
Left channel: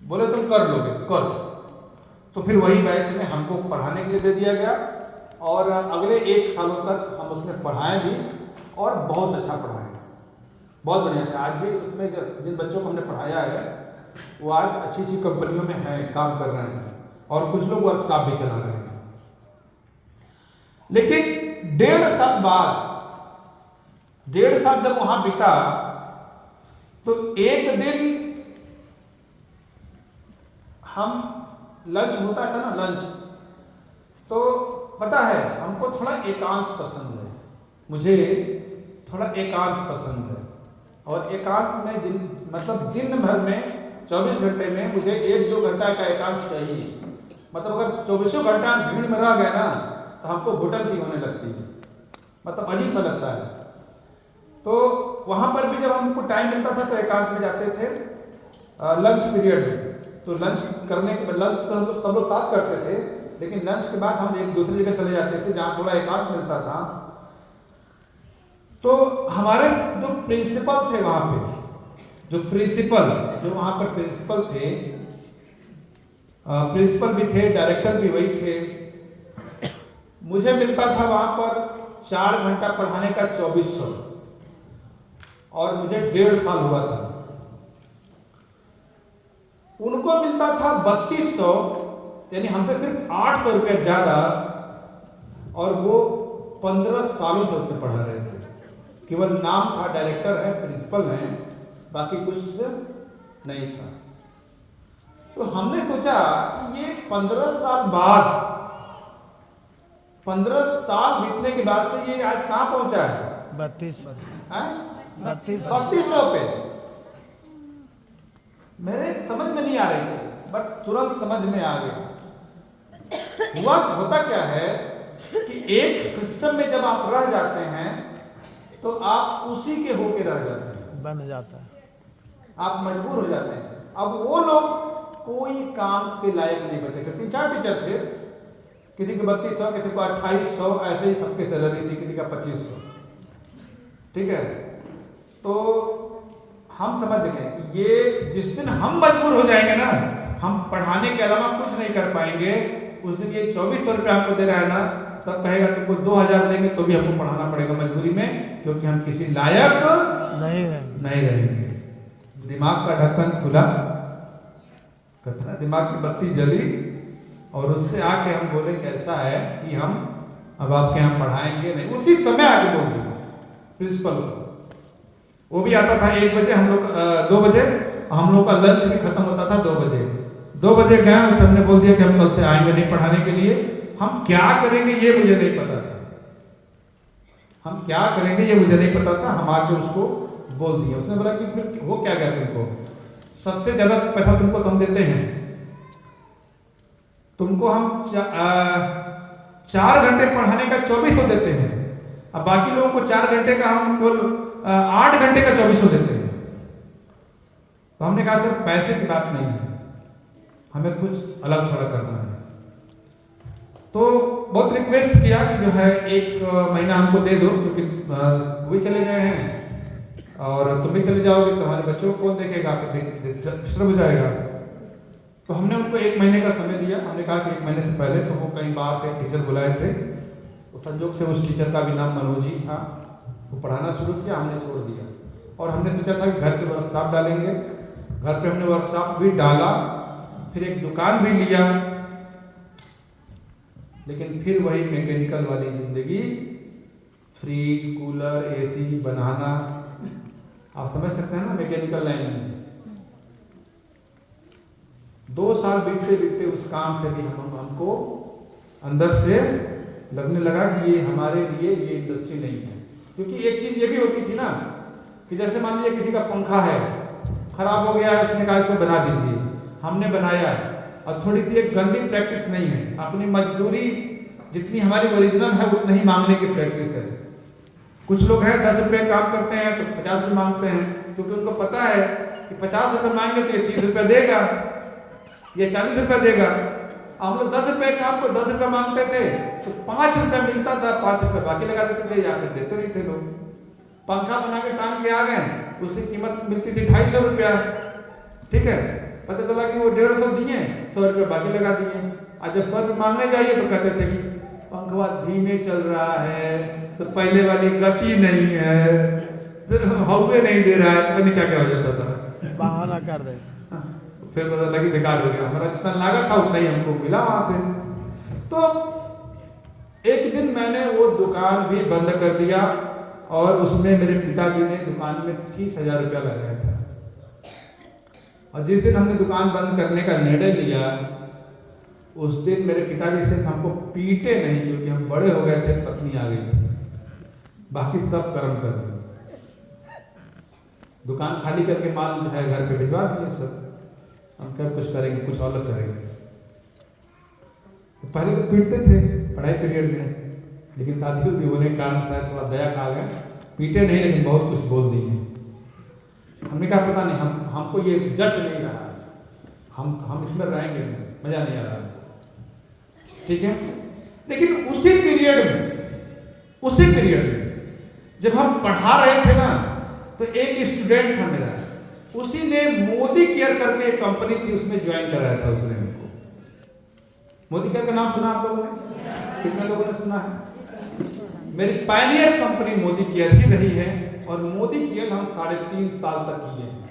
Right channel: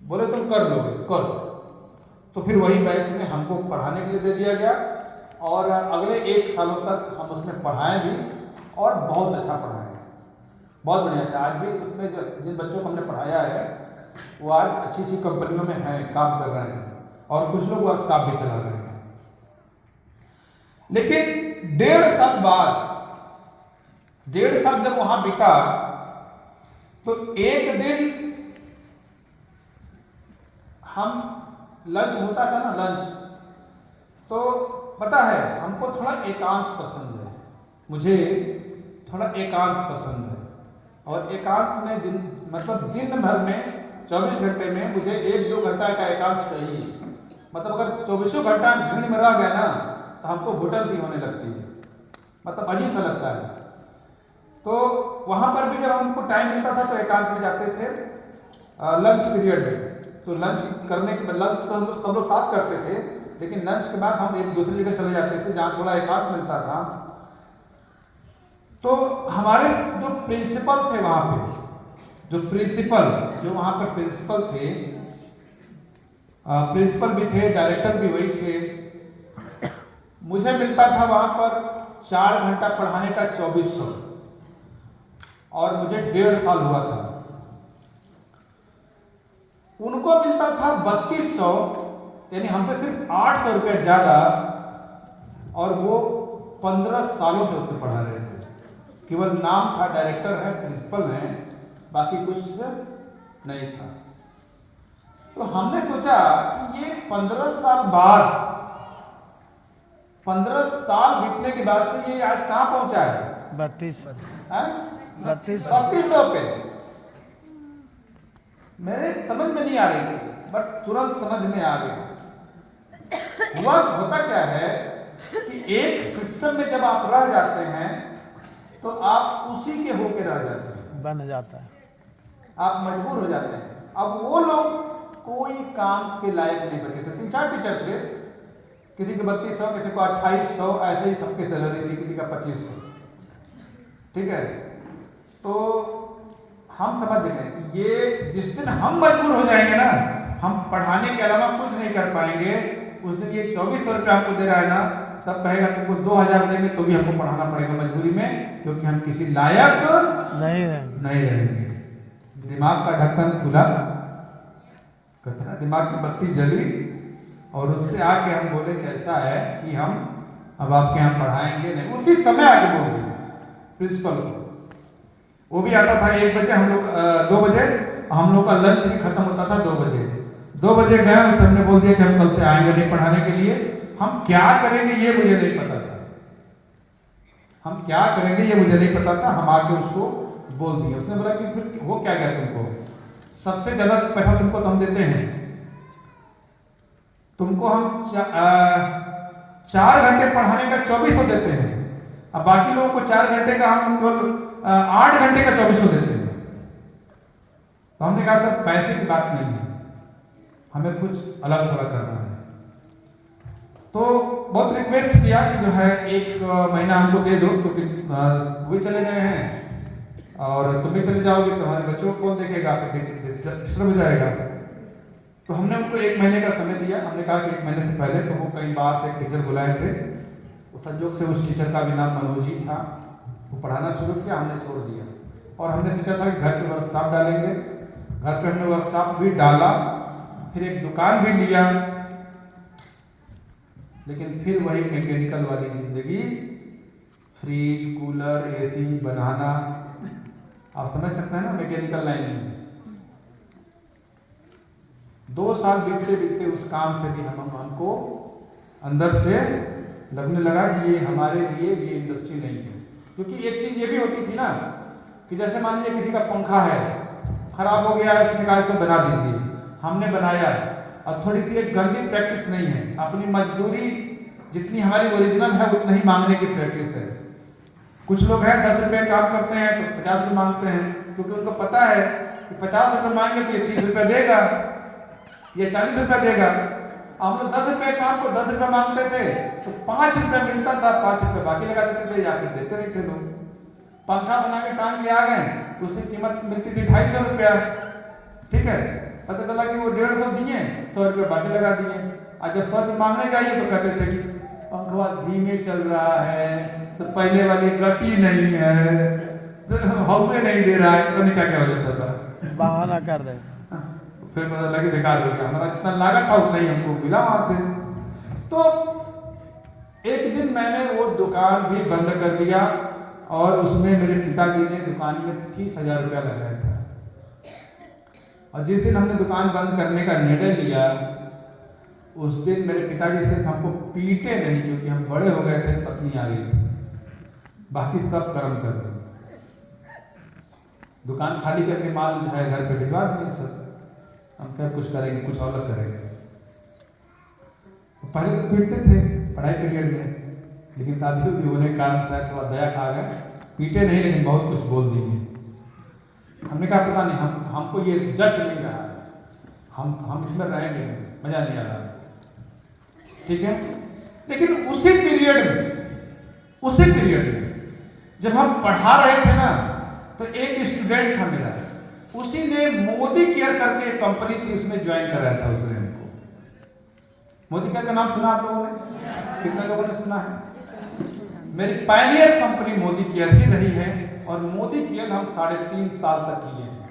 बोले तुम कर लोगे कर। तो फिर वही बैच में हमको पढ़ाने के लिए दे दिया गया और अगले 1 सालों तक हम उसमें पढ़ाए भी और बहुत अच्छा पढ़ाए, बहुत बढ़िया था। आज भी उसमें जिन बच्चों को हमने पढ़ाया है वो आज अच्छी अच्छी कंपनियों में हैं, काम कर रहे हैं और कुछ लोग वर्कशॉप भी चला रहे हैं। लेकिन 1.5 साल बाद, 1.5 साल जब वहां बीता तो एक दिन हम लंच होता था ना, लंच, तो पता है हमको थोड़ा एकांत पसंद है, मुझे थोड़ा एकांत पसंद है। और एकांत में दिन भर में 24 घंटे में मुझे 1-2 घंटा का एकांत चाहिए। मतलब अगर 24 घंटा भीड़ में रह गया ना तो हमको घुटन सी होने लगती है, मतलब अजीब सा लगता है। तो वहां पर भी जब हमको टाइम मिलता था तो एकांत में जाते थे लंच पीरियड में। तो लंच करने के लंच तो हम सब लोग साथ करते थे, लेकिन लंच के बाद हम एक दूसरी जगह चले जाते थे जहाँ थोड़ा एकांत मिलता था। तो हमारे जो प्रिंसिपल थे वहाँ पे, जो वहाँ पर प्रिंसिपल थे, प्रिंसिपल भी थे, डायरेक्टर भी वही थे। मुझे मिलता था वहाँ पर 4 घंटा पढ़ाने का 2400 और मुझे 1.5 साल हुआ था। उनको मिलता था 3200, यानी हमसे सिर्फ 800 रुपये ज्यादा, और वो 15 सालों से उसमें पढ़ा रहे थे। केवल नाम था, डायरेक्टर है, प्रिंसिपल है, बाकी कुछ नहीं था। तो हमने सोचा कि ये 15 साल बाद, 15 साल बीतने के बाद से ये आज कहां पहुंचा है? 3200 पे। मेरे समझ में नहीं आ रही थी, बट तुरंत समझ में आ गया। होता क्या है कि एक सिस्टम में जब आप रह जाते हैं तो आप उसी के होके रह जाते हैं, बन जाता है, आप मजबूर हो जाते हैं। अब वो लोग कोई काम के लायक नहीं बचे थे। 3-4 टीचर थे, किसी के 3200, किसी को 2800, ऐसे ही सबके सैलरी थी, किसी का 2500। ठीक है, तो हम समझ गए कि ये जिस दिन हम मजबूर हो जाएंगे ना, हम पढ़ाने के अलावा कुछ नहीं कर पाएंगे, उस दिन ये 2400 रुपये आपको दे रहा है ना, तब कहेगा तुमको 2000 देंगे तो भी हमको पढ़ाना पड़ेगा मजबूरी में, क्योंकि हम किसी लायक नहीं रहेंगे। दिमाग का ढक्कन खुला, कहते ना दिमाग की बत्ती जली, और उससे आके हम बोले कैसा है कि हम अब आपके यहाँ पढ़ाएंगे नहीं। उसी समय आगे बोल दिया प्रिंसिपल को। वो भी आता था 1 बजे, हम लोग 2 बजे, हम लोग का लंच भी खत्म होता था 2 बजे। 2 बजे गए, उसे हमने बोल दिया कि हम कल से आएंगे नहीं पढ़ाने के लिए। हम क्या करेंगे ये मुझे नहीं पता था, हम क्या करेंगे ये मुझे नहीं पता था। हम आके उसको बोल दिया। उसने बोला कि फिर वो क्या कहते हैं, तुमको सबसे ज्यादा पैसा तुमको तो हम देते हैं, तुमको हम 4 घंटे पढ़ाने का 2400 देते हैं, अब बाकी लोगों को 4 घंटे का हम 8 घंटे का 2400 देते हैं। तो हमने कहा सर पैसे की बात नहीं है, हमें कुछ अलग थोड़ा करना है। तो बहुत रिक्वेस्ट किया कि जो है 1 महीना हमको दे दो, क्योंकि वो भी चले गए हैं और तुम भी चले जाओगे तो हमारे बच्चों को कौन देखेगा, डिस्टर्ब हो जाएगा। तो हमने उनको 1 महीने का समय दिया। हमने कहा कि 1 महीने से पहले तो वो कई बार से टीचर बुलाए थे, तो संयोग से उस टीचर का भी नाम मनोज ही था। वो पढ़ाना शुरू किया, हमने छोड़ दिया, और हमने सोचा था कि घर पे वर्कशॉप डालेंगे। घर पे हमने वर्कशॉप भी डाला, फिर एक दुकान भी लिया, लेकिन फिर वही मैकेनिकल वाली जिंदगी, फ्रिज, कूलर, एसी बनाना। आप समझ सकते हैं ना, मैकेनिकल लाइन में 2 साल बीतते बीतते उस काम से भी हमको अंदर से लगने लगा कि ये हमारे लिए ये इंडस्ट्री नहीं है। क्योंकि एक चीज ये भी होती थी ना कि जैसे मान लीजिए किसी का पंखा है, खराब हो गया, उसने कहा इसको बना दीजिए, हमने बनाया, और थोड़ी सी एक गंदी प्रैक्टिस नहीं है, अपनी मजदूरी जितनी हमारी ओरिजिनल है उतनी ही मांगने की प्रैक्टिस है। कुछ लोग हैं 10 रुपये काम करते हैं तो 50 रुपये मांगते हैं, क्योंकि उनको पता है कि 50 रुपये मांगे तो ये 30 रुपये देगा, ये 40 रुपये देगा। हम लोग 10 रुपए काम को 10 रुपए मांगते थे तो 5 रुपए मिलता था, 5 रुपए बाकी लगा देते थे या फिर देते नहीं थे लोग। पंखा बना के टांग के आ गए, उसकी कीमत मिलती थी 250 रुपया, ठीक है। पता चला कि वो 150 दिए, 100 रुपये बाकी लगा दिए। और जब 100 रुपये मांगने जाइए तो कहते थे कि पंखा धीमे चल रहा है, तो पहले वाली गति नहीं है, हवा नहीं दे रहा है, पता नहीं क्या क्या हो जाता था, बहाना कर दे। फिर पता लगी बेकार हो गया, हमारा जितना लागत था उतना ही हमको मिला वहां से। तो एक दिन मैंने वो दुकान भी बंद कर दिया और उसमें मेरे पिताजी ने दुकान में 30,000 रुपया लगाया था। और जिस दिन हमने दुकान बंद करने का निर्णय लिया, उस दिन मेरे पिताजी सिर्फ हमको पीटे नहीं, क्योंकि हम बड़े हो गए थे, पत्नी आ गई थी, बाकी सब कर्म कर दिए। दुकान खाली करके माल जो है घर पे भिजवा दिए सब। हम क्या कुछ करेंगे, कुछ अलग करेंगे। तो पहले तो पीटते थे पढ़ाई पीरियड में, लेकिन शादी उदी होने के कारण था थोड़ा दया खा गए, पीटे नहीं लेकिन बहुत कुछ बोल दिए। हमने कहा पता नहीं, हमको ये जज नहीं रहा, हम इसमें रहेंगे नहीं, मजा नहीं आ रहा, ठीक है। लेकिन उसी पीरियड में जब हम पढ़ा रहे थे ना, तो एक स्टूडेंट था मेरा, उसी ने मोदी केयर करके एक कंपनी थी, उसमें ज्वाइन कराया था उसने हमको। मोदी केयर का नाम सुना आप लोगों ने? कितने लोगों ने सुना है? मेरी पहली कंपनी मोदी केयर ही रही है, और मोदी केयर हम 3.5 साल तक किए हैं।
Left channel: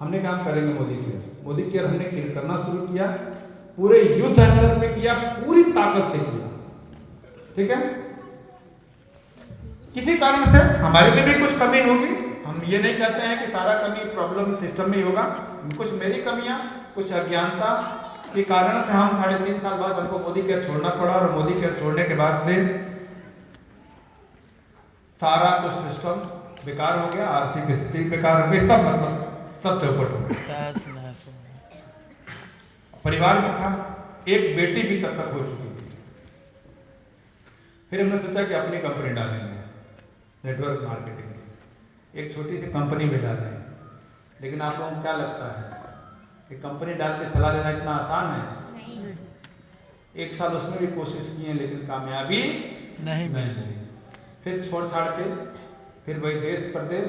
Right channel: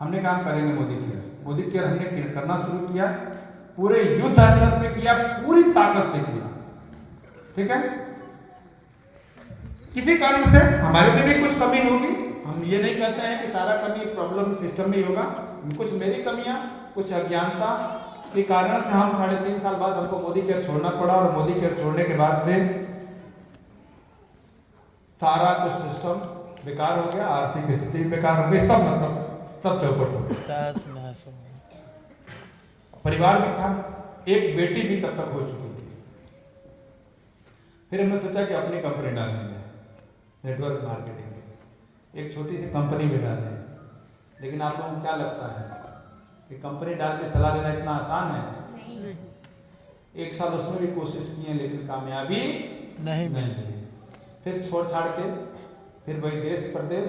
हमने काम करेंगे मोदी केयर हमने करना शुरू किया, पूरे युद्ध स्तर पे किया, पूरी ताकत से किया, ठीक है। किसी कारण से हमारे में भी कुछ कमी होगी, हम ये नहीं कहते हैं कि सारा कमी प्रॉब्लम सिस्टम में ही होगा, कुछ मेरी कमियां, कुछ अज्ञानता के कारण से हम 3.5 साल बाद हमको मोदी केयर छोड़ना पड़ा, और मोदी केयर छोड़ने के बाद से सारा कुछ सिस्टम बेकार हो गया, आर्थिक स्थिति बेकार हो गई, सब मतलब सब चौपट हो गया। परिवार में था, एक बेटी भी तब तक हो चुकी थी। फिर हमने सोचा कि अपनी कंपनी डालेंगे, नेटवर्क मार्केटिंग, एक छोटी सी कंपनी में डालें। लेकिन आप लोगों को क्या लगता है कि कंपनी डाल के चला लेना इतना आसान है? 1 साल उसमें भी कोशिश की है, लेकिन कामयाबी नहीं मिली। फिर छोड़ छाड़ के फिर वही देश प्रदेश।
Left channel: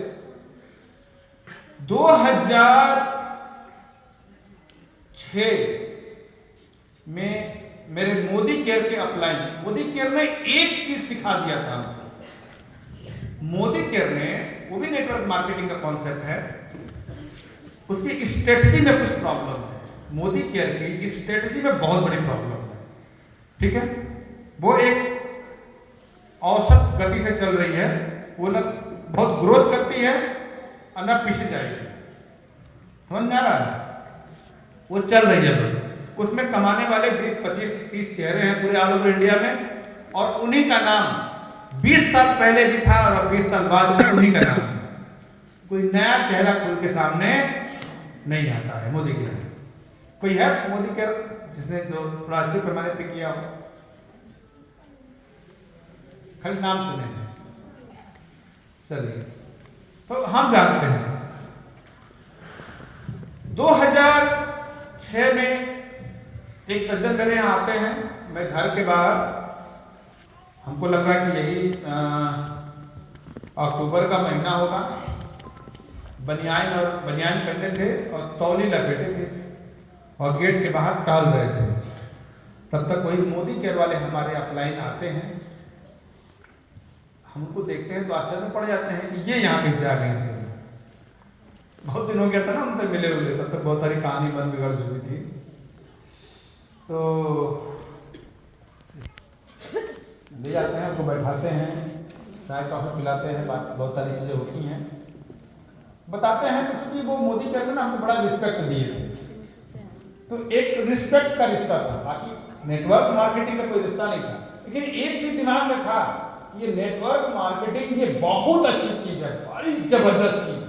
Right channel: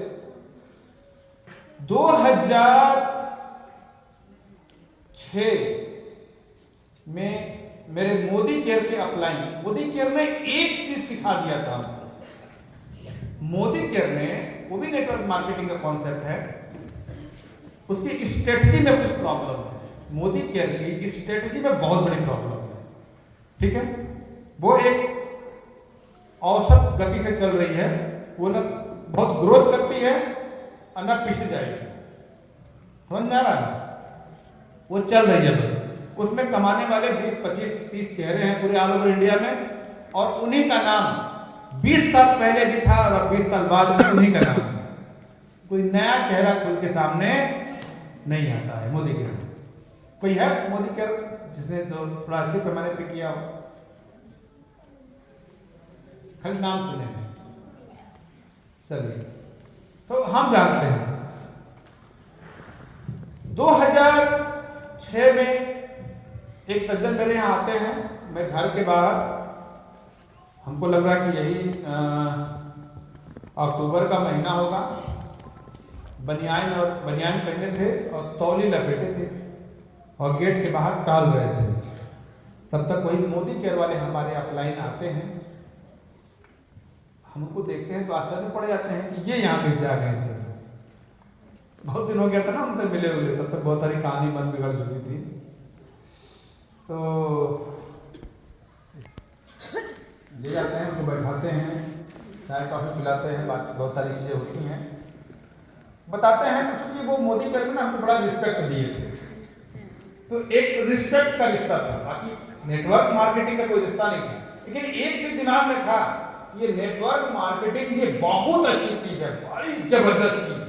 2006 में मेरे मोदी केयर के अपलाइन, मोदी केयर ने एक चीज सिखा दिया था हमको। मोदी केयर ने, वो भी नेटवर्क मार्केटिंग का कॉन्सेप्ट है, उसकी स्ट्रेटजी में कुछ प्रॉब्लम है। मोदी केयर की स्ट्रेटजी में बहुत बड़ी प्रॉब्लम है, ठीक है। वो एक औसत गति से चल रही है, वो न बहुत ग्रोथ करती है और न पीछे जाएगी, समझ में आ रहा है? वो चल रही है बस। उसमें कमाने वाले 20, 25, 30 चेहरे हैं पूरे ऑल ओवर इंडिया में, और उन्हीं का नाम 20 साल पहले भी था और 20 साल बाद भी उन्हीं का नाम है। कोई नया चेहरा खुल के सामने नहीं आता है मोदी केयर। कोई है मोदी केयर जिसने जो थोड़ा अच्छे पैमाने पे किया हो? खाली नाम सुने हैं। चलिए, तो हम जानते हैं 2006 में एक सज्जन मेरे यहाँ आते हैं, मैं घर के बाहर, हमको लगा कि यही अक्टूबर का महीना होगा, बनियान करते थे और तौली लपेटे थे और गेट के बाहर टाल रहे थे। तब तक वही मोदी केयर वाले हमारे अपलाइन आते हैं, हमको देखते हैं तो आश्चर्य में पड़ जाते हैं कि ये यहाँ पे से आ गए सर। बहुत दिन हो गया था ना उनसे मिले हुए, तब तक बहुत सारी कहानी बन बिगड़ चुकी थी। तो ले जाते हैं, उनको बैठाते हैं, चाय कॉफी पिलाते हैं, बहुत सारी चीजें होती हैं, बताते हैं। तो चूंकि वो मोदी केयर में हमको बड़ा रिस्पेक्ट दिए थे, तो एक रिस्पेक्ट का रिश्ता था, बाकी नेटवर्क मार्केटिंग का कोई रिश्ता नहीं था। लेकिन एक चीज दिमाग में था, ये नेटवर्क मार्केटिंग ये बहुत अच्छी चीज है, बड़ी जबरदस्त चीज है।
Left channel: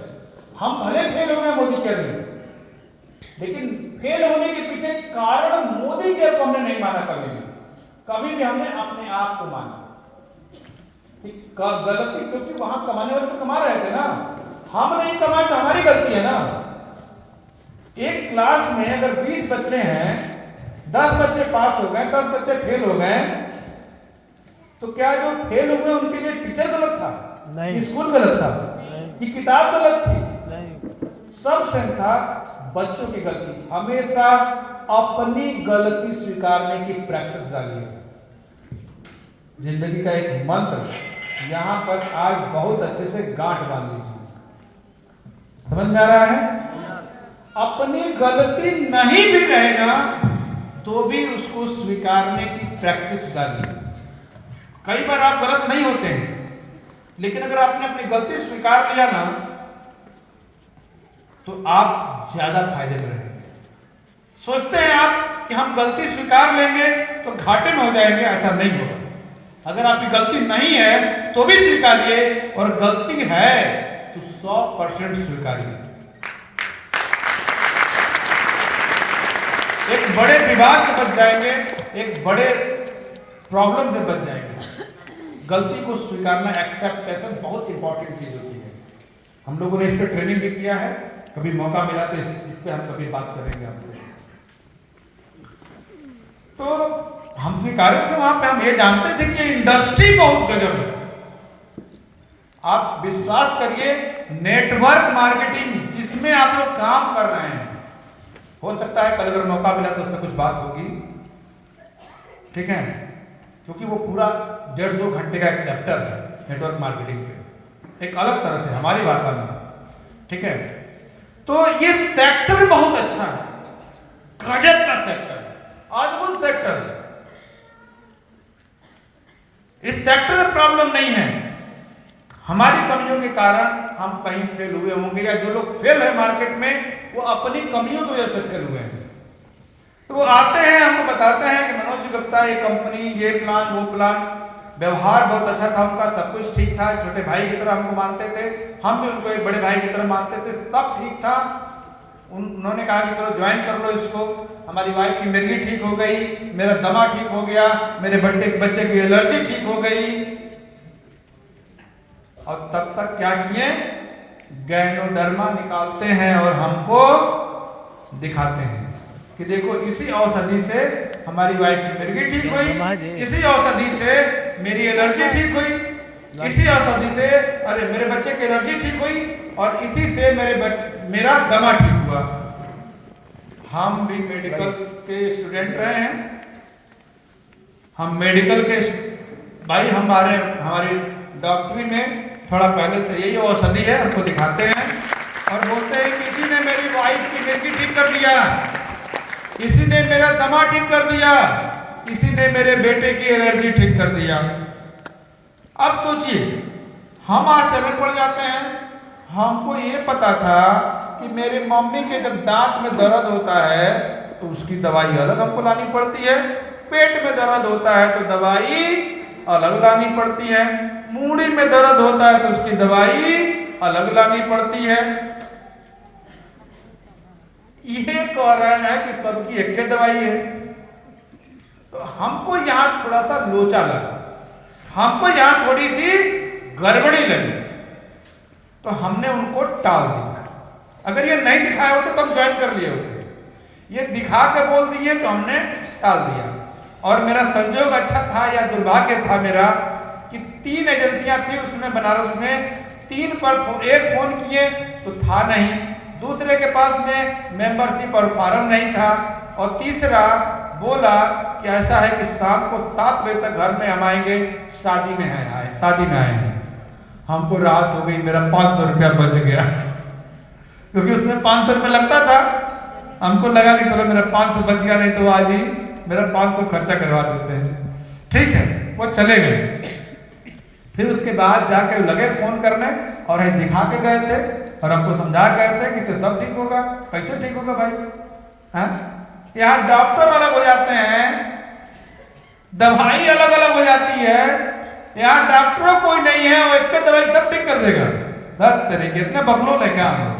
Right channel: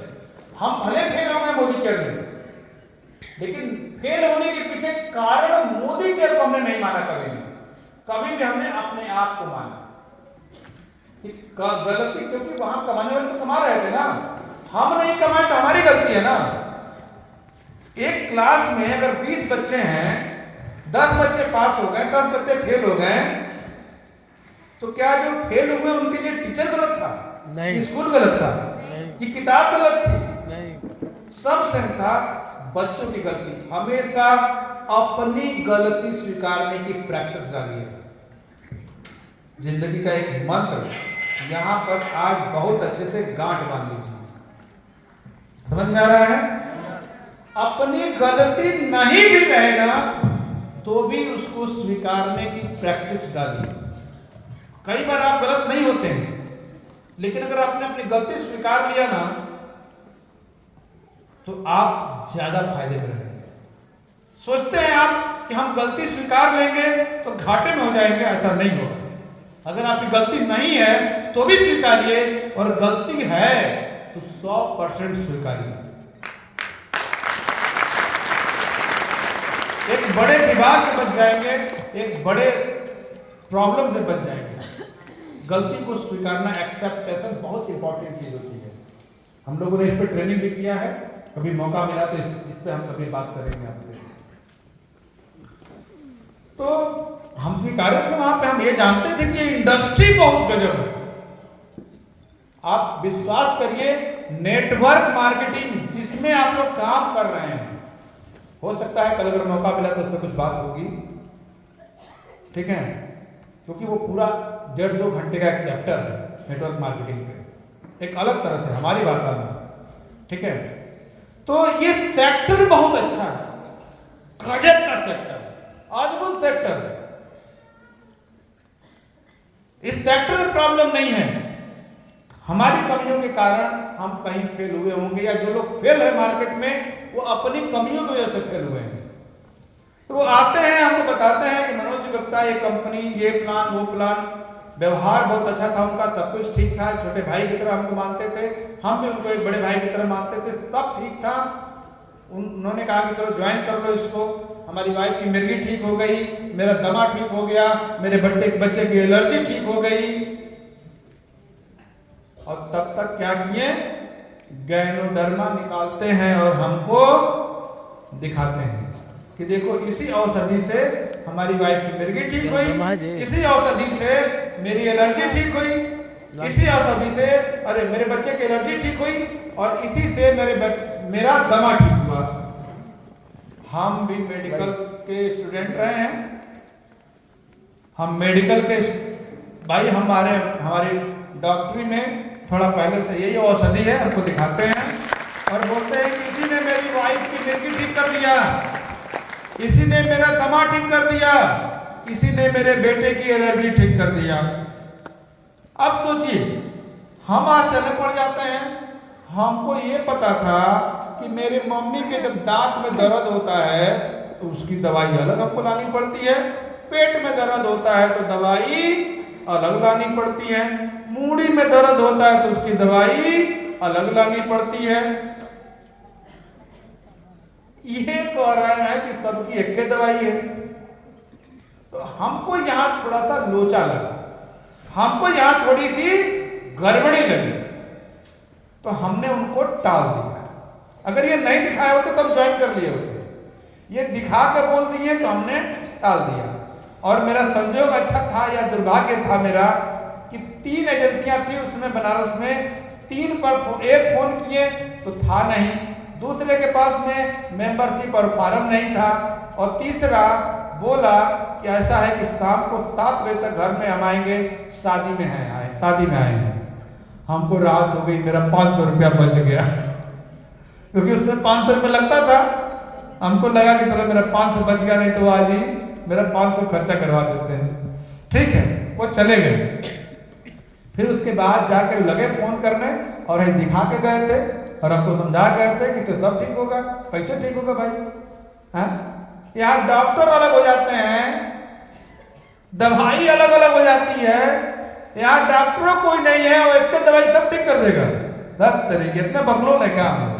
हम भले फेल हो गए मोदी केयर में, लेकिन फेल होने के पीछे कारण मोदी केयर को हमने नहीं माना कभी भी हमने अपने आप को माना गलती, क्योंकि वहां कमाने वाले तो कमा रहे थे ना, हम नहीं कमाए तो हमारी गलती है ना। एक क्लास में अगर 20 बच्चे हैं 10 बच्चे पास हो गए, 10 बच्चे फेल हो गए, तो क्या जो फेल हुए उनके लिए टीचर गलत था? नहीं। स्कूल गलत था? नहीं। कि किताब गलत थी? नहीं। सब सेम था, बच्चों की गलती। हमेशा अपनी गलती स्वीकारने की प्रैक्टिस डालिए। जिंदगी का एक मंत्र यहां पर आज बहुत अच्छे से गांठ बांध लीजिए। समझ में आ रहा है? अपनी गलती नहीं भी रहेगा तो भी उसको स्वीकारने की प्रैक्टिस डालिए। कई बार आप गलत नहीं होते हैं, लेकिन अगर आपने अपनी गलती स्वीकार लिया ना तो आप ज्यादा फायदे में रहेंगे। सोचते हैं आप कि हम गलती स्वीकार लेंगे तो घाटे में हो जाएंगे, ऐसा नहीं होगा। अगर आपकी गलती नहीं है तो भी स्वीकारिए, और गलती है तो 100% स्वीकारिए। एक बड़े विवाद से बच जाएंगे, एक बड़े प्रॉब्लम से बच जाएंगे। गलती को स्वीकारना, एक्सेप्टेशन बहुत इंपॉर्टेंट चीज होती है। हम लोगों ने इस पर ट्रेनिंग भी किया है, कभी मौका मिला तो इस पे हम कभी बात करेंगे आपसे। तो हम स्वीकारों के वहां पे हम ये जानते थे कि इंडस्ट्री बहुत गजब है। आप विश्वास करिए, नेटवर्क मार्केटिंग जिसमें आप लोग काम कर रहे हैं, हो सकता है कल अगर मौका मिला तो उसमें कुछ बात होगी, ठीक है? क्योंकि वो पूरा 1.5-2 घंटे का एक चैप्टर है नेटवर्क मार्केटिंग पे, एक अलग तरह से हमारी भाषा में, ठीक है? तो ये सेक्टर बहुत अच्छा है, गजब का सेक्टर, अद्भुत सेक्टर। इस सेक्टर में प्रॉब्लम नहीं है। हमारी कमियों के कारण हम कहीं फेल हुए होंगे, या जो लोग फेल है मार्केट में वो अपनी कमियों की वजह से फेल हुए हैं। तो वो आते हैं, हमको बताते हैं कि मनोज जी गुप्ता, ये कंपनी, ये प्लान, वो प्लान, व्यवहार बहुत अच्छा था उनका, सब कुछ ठीक था, छोटे भाई की तरह हमको मानते थे, हम भी उनको एक बड़े भाई की तरह मानते थे, सब ठीक था। उन्होंने कहा कि चलो ज्वाइन कर लो इसको। हमारी वाइफ की मिर्गी ठीक हो गई, मेरा दमा ठीक हो गया, मेरे बच्चे की एलर्जी ठीक हो गई। और तब तक क्या किए? गैनोडर्मा निकालते हैं और हमको दिखाते हैं कि देखो इसी औषधि से हमारी वाइफ की मिर्गी ठीक हुई, इसी औषधि से मेरी एलर्जी ठीक हुई, इसी औषधि से अरे मेरे बच्चे की एलर्जी ठीक हुई, और इसी से मेरा दमा ठीक हुआ। हम भी मेडिकल के स्टूडेंट रहे हैं, हम मेडिकल के भाई, हमारी डॉक्टरी में थोड़ा पहले से यही औषधि है, हमको दिखाते हैं और बोलते हैं कि इसी ने मेरी वाइफ की मिर्गी ठीक कर दिया, इसी ने मेरा दमा ठीक कर दिया, इसी ने मेरे बेटे की एलर्जी ठीक कर दिया। अब सोचिए, हम आश्चर्य पड़ जाते हैं। हमको ये पता था कि मेरी मम्मी के जब दांत में दर्द होता है तो उसकी दवाई अलग हमको लानी पड़ती है, पेट में दर्द होता है तो दवाई अलग लानी पड़ती है, मूड़ी में दर्द होता है तो उसकी दवाई अलग लानी पड़ती है। ये कह रहे हैं कि सबकी एक ही दवाई है। तो हमको यहाँ थोड़ा सा लोचा लगा, हमको यहाँ थोड़ी सी गड़बड़ी लगी, तो हमने उनको टाल दिया। अगर ये नहीं दिखाए होते तो हम ज्वाइन कर लिए होते, ये दिखा के बोल दिए तो हमने टाल दिया। और मेरा संजोग अच्छा था या दुर्भाग्य था मेरा कि 3 एजेंसियां थी उसमें बनारस में, 3 पर एक फोन किए तो था नहीं, दूसरे के पास में मेंबरशिप और फॉर्म नहीं था, और तीसरा बोला कि ऐसा है कि शाम को 7 बजे तक घर में हम आएंगे, शादी में आए हैं। हमको राहत हो गई, मेरा 500 रुपया बच गया, क्योंकि उसमें 500 रुपया लगता था। हमको लगा कि चलो मेरा 500 बच गया, नहीं तो आज ही मेरा 500 खर्चा करवा देते हैं। ठीक है, वो चले गए। फिर उसके बाद जाके लगे फोन करने और हम दिखा के गए थे और हमको समझा गए थे कि तो सब ठीक होगा। कैसे ठीक होगा भाई? हाँ, यहाँ डॉक्टर अलग हो जाते हैं, दवाई अलग अलग हो जाती है, यहाँ डॉक्टरों कोई नहीं है, वो एक दवाई सब ठीक कर देगा। बस तरीके इतने बकलोल है क्या हम?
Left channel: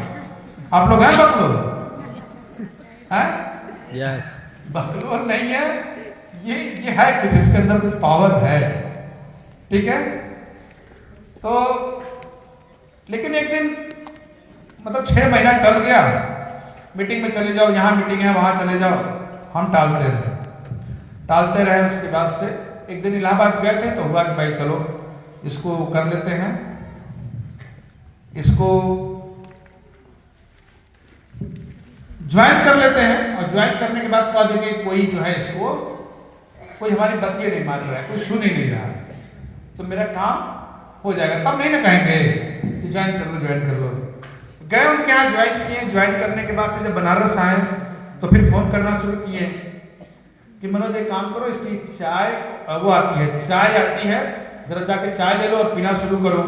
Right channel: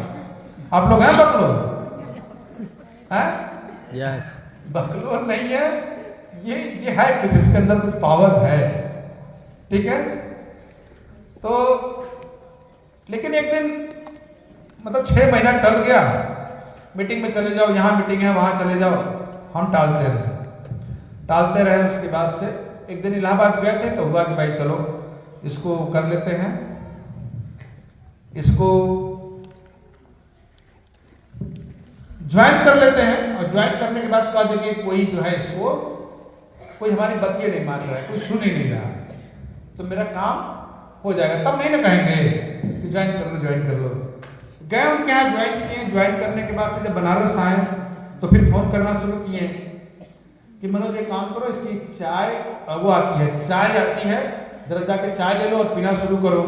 आप लोग हैं बकलोल? हैं? यस। बकलोल नहीं है, ये है कुछ, इसके अंदर कुछ पावर है, ठीक है? तो लेकिन एक दिन मतलब 6 महीना टल गया, मीटिंग में चले जाओ, यहाँ मीटिंग है वहां चले जाओ, हम टालते रहे। टालते रहे। उसके बाद से एक दिन इलाहाबाद गए थे तो हुआ कि भाई चलो इसको कर लेते हैं, इसको ज्वाइन कर लेते हैं। और ज्वाइन करने के बाद कहा देखिए कोई जो है इसको कोई हमारी बतिये नहीं मान रहा है, कोई सुन ही नहीं रहा, तो मेरा काम हो जाएगा। तब नहीं ना कहेंगे कि ज्वाइन कर लो ज्वाइन कर लो। गए उनके यहाँ ज्वाइन किए। ज्वाइन करने के बाद से जब बनारस आए तो फिर फोन करना शुरू किए कि मनोज एक काम करो, इसकी चाय वो आती है, चाय आती है, जरा जाके चाय ले लो और पीना शुरू करो।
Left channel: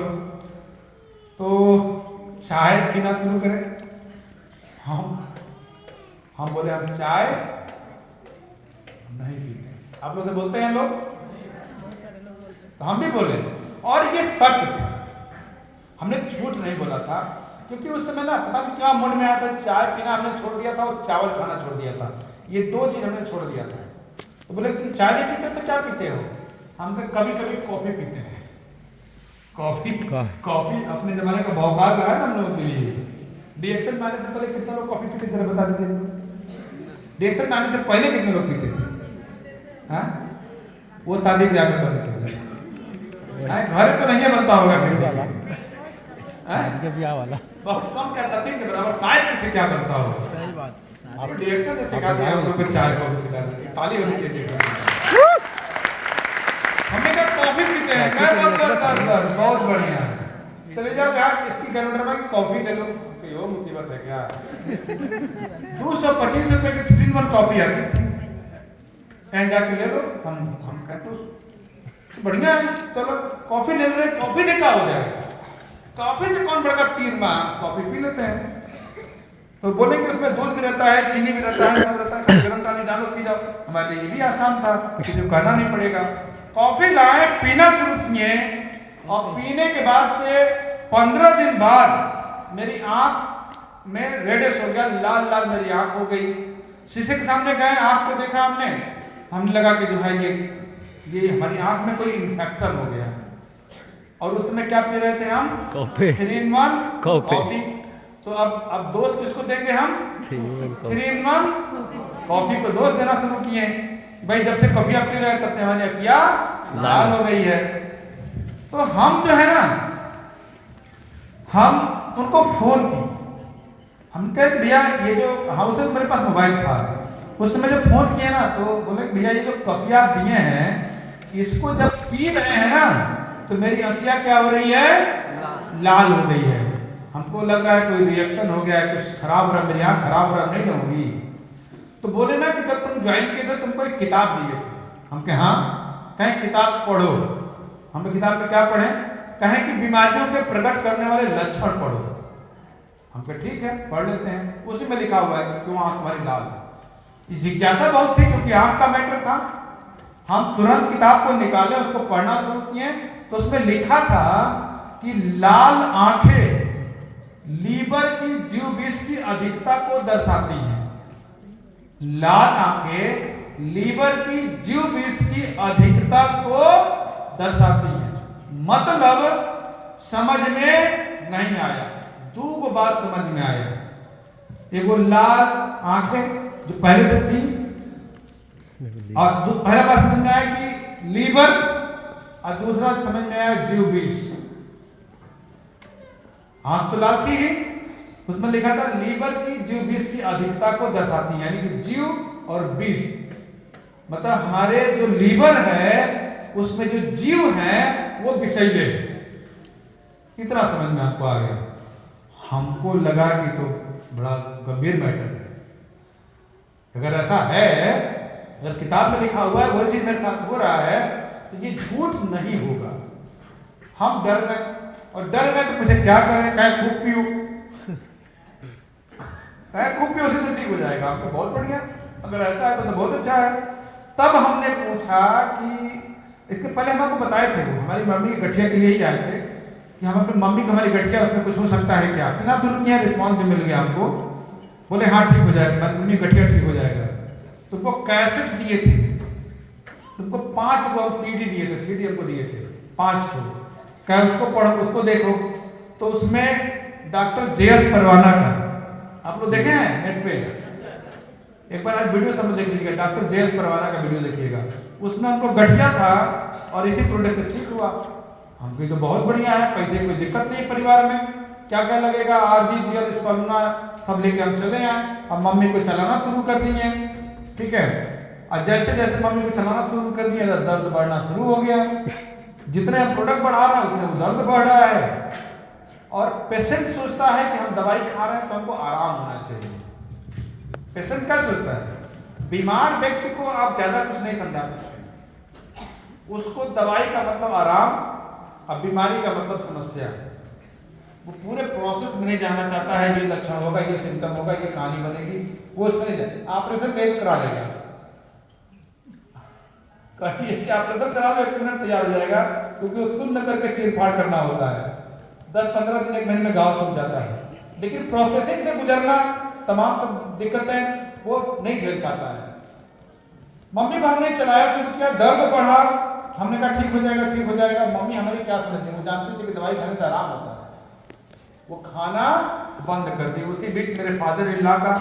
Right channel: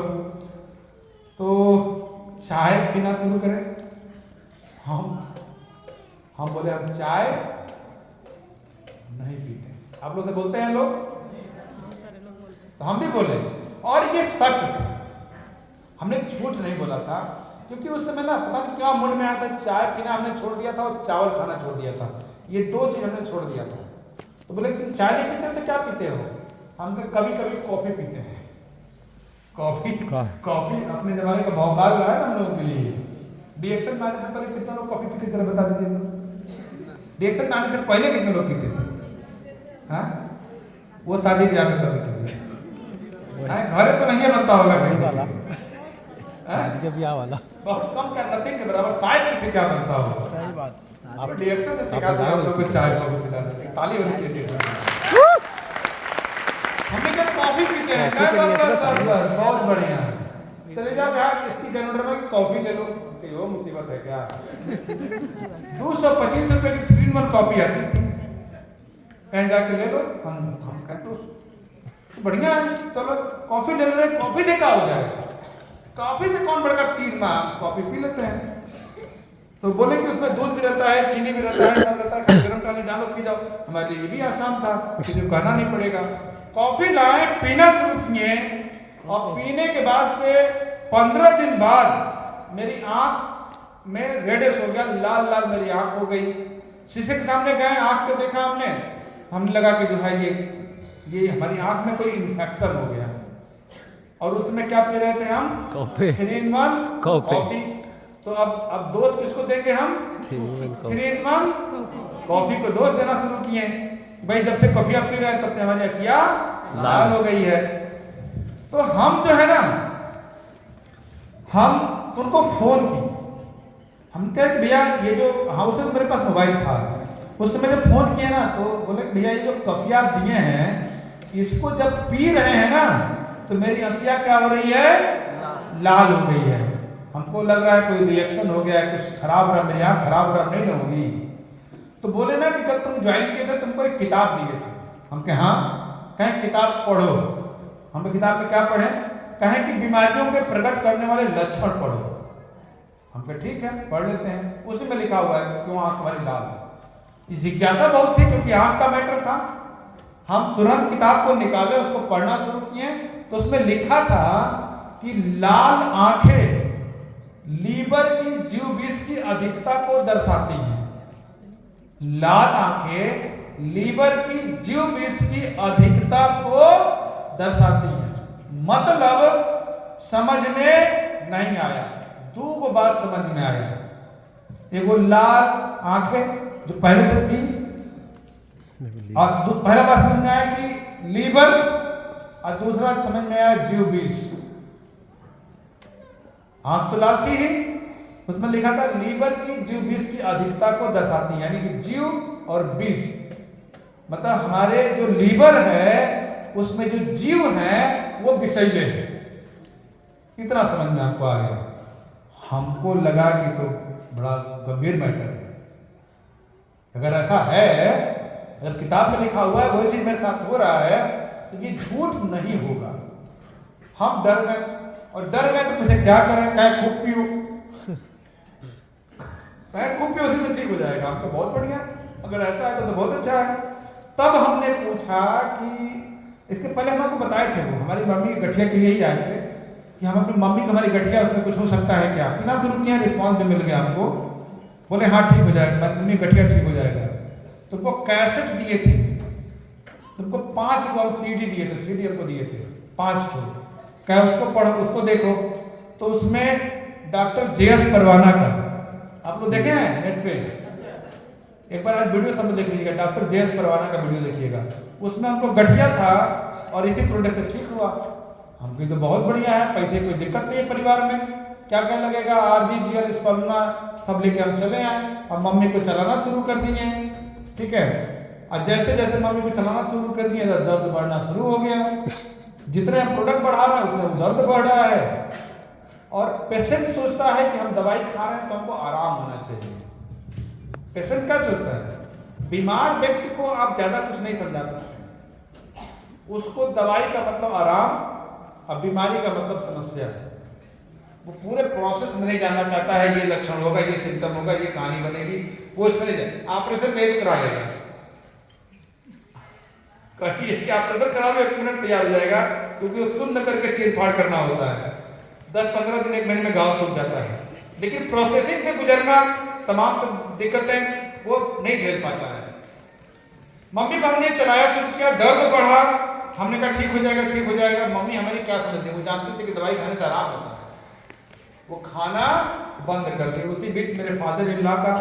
तो चाय पीना शुरू करें। हम बोले हम चाय नहीं पीते। आप लोग से बोलते हैं लोग, तो हम भी बोले। और ये सच था, हमने झूठ नहीं बोला था, क्योंकि उस समय ना पता नहीं क्या मूड में आया था, चाय पीना हमने छोड़ दिया था और चावल खाना छोड़ दिया था, ये दो चीज हमने छोड़ दिया था। तो बोले तुम चाय नहीं पीते तो क्या पीते हो? हम कभी कभी कॉफी पीते हैं। कॉफी अपने जमाने का भौकाल रहा है ना हम लोग के लिए। डीएक्टर में आने से पहले कितने लोग कॉफी पीते थे बता दीजिए। डीएक्टर में आने से पहले कितने लोग पीते थे? हाँ, वो शादी ब्याह में कभी घर तो नहीं बनता होगा कहीं वाला, शादी का ब्याह वाला कम क्या नथिंग के बराबर शायद किसी क्या बनता हो। सही बात। आप रिएक्शन से सिखा दिया हम लोग को चाय को ताली होनी चाहिए। हमने कहा कॉफी पीते हैं, बहुत बढ़िया, चले जाओ यार इसकी कैलेंडर में कॉफी ले लो। तो यो मुसीबत है क्या? 225 रुपए की 3-in-1 कॉफी आती थी, कहीं जाके ले लो। हम कहते बढ़िया है, चलो कॉफी ले रहे, कॉफी से क्या हो जाएगा? कॉफी से कौन बढ़कर 3 माह कॉफी पी लेते हैं। तो बोले कि उसमें दूध भी रहता है, चीनी भी रहता है, सब रहता है, गर्म पानी डालो पी जाओ। हमारे लिए ये भी आसान था कि जो कहना नहीं पड़ेगा। कॉफी लाए, पीना शुरू किए, और पीने के बाद से 15 दिन बाद मेरी आंख में रेडिश हो गया, लाल लाल मेरी आंख हो गई। शीशे के सामने गए, आंख को देखा हमने लगा कि जो है ये हमारी आंख में कोई इन्फेक्शन हो गया। और उसमें क्या पी रहे थे हम? कॉफी। 3-in-1 coffee. तो अब दोस्त किसको देंगे हम? 3-in-1 कॉफी को दोस्त देना शुरू किए। भाई जब से कॉफी आप पी रहे हैं तब से हमारी अखियां लाल हो गई है। तो हम जो है ना, हम उनको फोन की, हम कहे भैया ये जो हाउस मेरे पास मोबाइल था उस समय जो फोन किया ना, तो बोले भैया ये जो कॉफी आप दिए हैं इसको जब पी रहे हैं ना तो मेरी अखियां क्या हो रही है? लाल हो गई है। हमको लग रहा है कोई रिएक्शन हो गया है, कुछ खराब हो रहा, मेरी आंख खराब हो रहा नहीं होगी। तो बोले ना कि जब तुम ज्वाइन किए थे तुमको एक किताब दिए थे। हम कहे हाँ, कहें किताब पढ़ो। हम किताब में क्या पढ़े? कहें कि बीमारियों के प्रकट करने वाले लक्षण पढ़ो। हम कहे ठीक है पढ़ लेते हैं। उसी में लिखा हुआ है क्यों आंख हमारी लाल है। ये जिज्ञासा बहुत थी क्योंकि आंख का मैटर था। हम तुरंत किताब को निकाले, उसको पढ़ना शुरू किए, तो उसमें लिखा था कि लाल आंखें लीवर की जीव विष की अधिकता को दर्शाती हैं। लाल आंखें लीवर की जीव विष की अधिकता को दर्शाती हैं। मतलब समझ में नहीं आया। दो बात समझ में आया। एगो लाल आंखें जो पहले से थी, और पहला बात समझ में आया कि लीवर, और दूसरा समझ में आया जीव विष। आंख तो लाल थी ही, उसमें लिखा था लीवर की जीव विष की अधिकता को दर्शाती है, यानी कि जीव और विष, मतलब हमारे जो लीवर है उसमें जो जीव है वो विषैले है। इतना समझ में आपको आ गया। हमको लगा कि तो बड़ा गंभीर मैटर है। अगर ऐसा है, अगर किताब में लिखा हुआ है वो चीज मेरे साथ हो रहा है तो ये झूठ नहीं होगा। हम डर गए, और डर गए तो मुझे क्या करें? कहे खूब पियो, कहे खूब पियो से ठीक हो जाएगा। आपको बहुत बढ़िया, अगर ऐसा है तो बहुत अच्छा है। तब हमने पूछा कि इससे पहले हम आपको बताए थे, वो हमारी मम्मी की गठिया के लिए ही आए थे कि हम अपनी मम्मी की हमारी गठिया उसमें कुछ हो सकता है क्या? पीना शुरू किया, रिस्पॉन्स भी मिल गया हमको। बोले हाँ ठीक हो जाएगा, मम्मी गठिया ठीक हो जाएगा। तुमको कैसेट दिए थे, तुमको 5 गो सीडी दिए थे, सीडी हमको दिए थे 5 ठो। क्या उसको पढ़ो, उसको देखो। तो उसमें डॉक्टर JS परवाना का आप लोग देखे हैं नेट पे? एक बार आप वीडियो सब देख लीजिएगा, डॉक्टर जेएस परवाना का वीडियो देखिएगा, उसमें हमको गठिया था और इसी प्रोडक्ट से ठीक हुआ। हमको तो बहुत बढ़िया है, पैसे की कोई दिक्कत नहीं है परिवार में, क्या क्या लगेगा, आरजीजीएल स्पल्मा सब लेके हम चले आए। अब मम्मी को चलाना शुरू कर दिए, ठीक है। और जैसे जैसे मम्मी को चलाना शुरू कर दिया दर्द बढ़ना शुरू हो गया। जितने हम प्रोडक्ट बढ़ा रहे हैं उतने दर्द बढ़ रहा है। और पेशेंट सोचता है कि हम दवाई खा रहे हैं तो हमको आराम होना चाहिए। पेशेंट क्या सोचता है? बीमार व्यक्ति को आप ज्यादा कुछ नहीं समझा सकते, उसको दवाई का मतलब आराम और बीमारी का मतलब समस्या है। वो पूरे प्रोसेस में नहीं जानना चाहता है, ये लक्षण होगा, ये सिम्टम होगा, ये कहानी बनेगी, वो इसमें नहीं जाए। ऑपरेशन नहीं करा देगा, ऑपरेशन करा लो 1 मिनट तैयार हो जाएगा, क्योंकि उसको न करके चीरफाड़ करना होता है। 10-15 दिन 1 महीने में घाव सूख जाता है, लेकिन प्रोसेसिंग से गुजरना तमाम दिक्कतें वो नहीं झेल पाता है। मम्मी को हमने चलाया शुरू किया, दर्द बढ़ा, हमने कहा ठीक हो जाएगा, ठीक हो जाएगा। मम्मी हमारी क्या समझती, वो जानती थी कि दवाई खाने से आराम होता है, वो खाना बंद कर दी। उसी बीच मेरे फादर इन लॉ का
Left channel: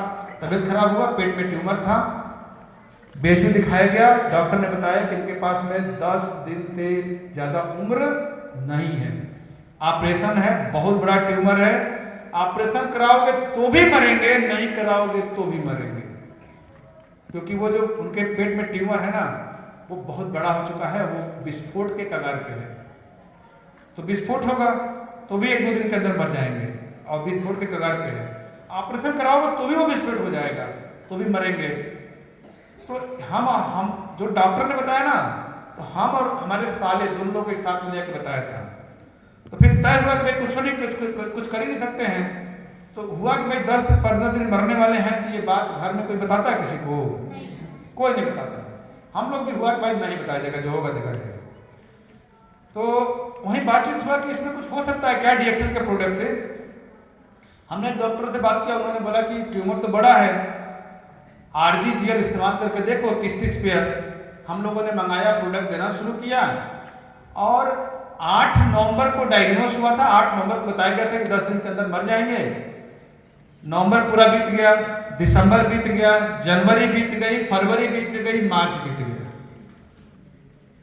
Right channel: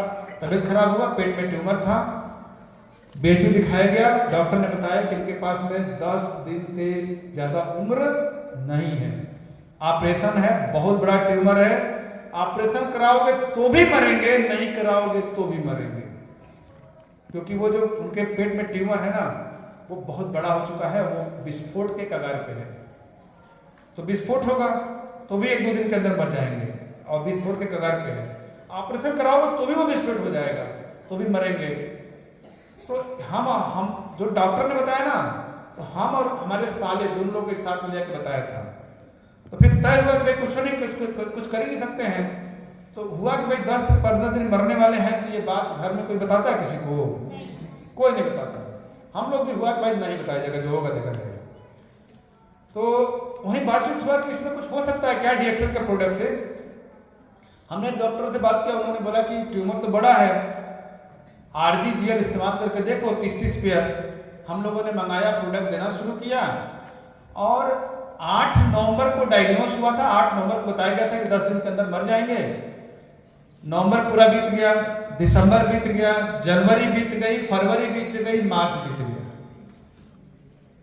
तबीयत खराब हुआ, पेट में ट्यूमर था, बेजू दिखाया गया। डॉक्टर ने बताया कि इनके पास में 10 दिन से ज्यादा उम्र नहीं है, ऑपरेशन है, बहुत बड़ा ट्यूमर है, ऑपरेशन कराओगे तो भी मरेंगे, नहीं कराओगे तो भी मरेंगे, क्योंकि वो जो उनके पेट में ट्यूमर है ना वो बहुत बड़ा हो चुका है, वो विस्फोट के कगार पे है। तो विस्फोट होगा तो भी 1-2 दिन के अंदर मर जाएंगे, और विस्फोट के कगार पे है। ऑपरेशन कराओगे तो भी वो विस्फोट हो जाएगा, तो भी मरेंगे। तो हम जो डॉक्टर ने बताया ना, तो हम और हमारे साले दोनों लोग एक साथ मिल के बताया था। तो फिर तय हुआ कि कुछ नहीं, कुछ कर ही नहीं सकते हैं। तो हुआ कि भाई 10-15 दिन मरने वाले हैं, तो ये बात घर में कोई बताता है किसी को? कोई नहीं बताता। हम लोग भी हुआ कि भाई नहीं बताया जाएगा, जो होगा देखा जाएगा। तो वही बातचीत हुआ कि इसमें कुछ हो सकता है क्या डीएक्सल का प्रोडक्ट से। हमने डॉक्टर से बात किया, उन्होंने बोला कि ट्यूमर तो बड़ा है, आरजीजीएल इस्तेमाल करके देखो 30-30 पेयर। हम लोगों ने मंगाया, प्रोडक्ट देना शुरू किया, और 8 नवंबर को डायग्नोस हुआ था। 8 नवंबर को बताया गया था कि 10 दिन के अंदर मर जाएंगे। नवंबर पूरा बीत गया, दिसंबर बीत गया, जनवरी बीत गई, फरवरी बीत गई, मार्च बीत गया।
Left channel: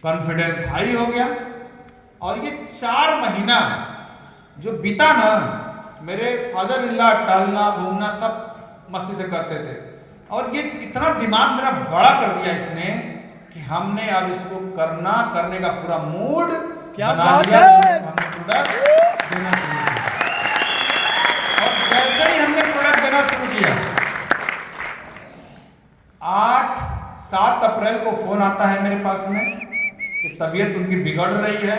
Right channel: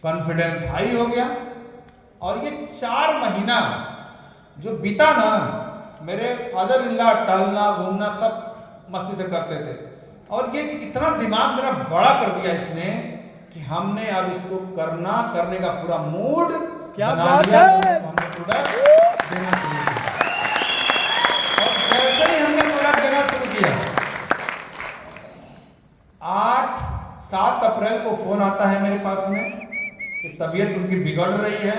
कॉन्फिडेंस हाई हो गया, और ये 4 महीना जो बीता ना, मेरे फादर इन लॉ टहलना घूमना सब मस्ती से करते थे, और ये इतना दिमाग मेरा बड़ा कर दिया इसने कि हमने अब इसको करने का पूरा मूड बना लिया। हमने प्रोडक्ट देना शुरू किया, और जैसे ही हमने प्रोडक्ट देना शुरू किया, 8-7 अप्रैल को फोन आता है मेरे पास में कि तबीयत उनकी बिगड़ रही है।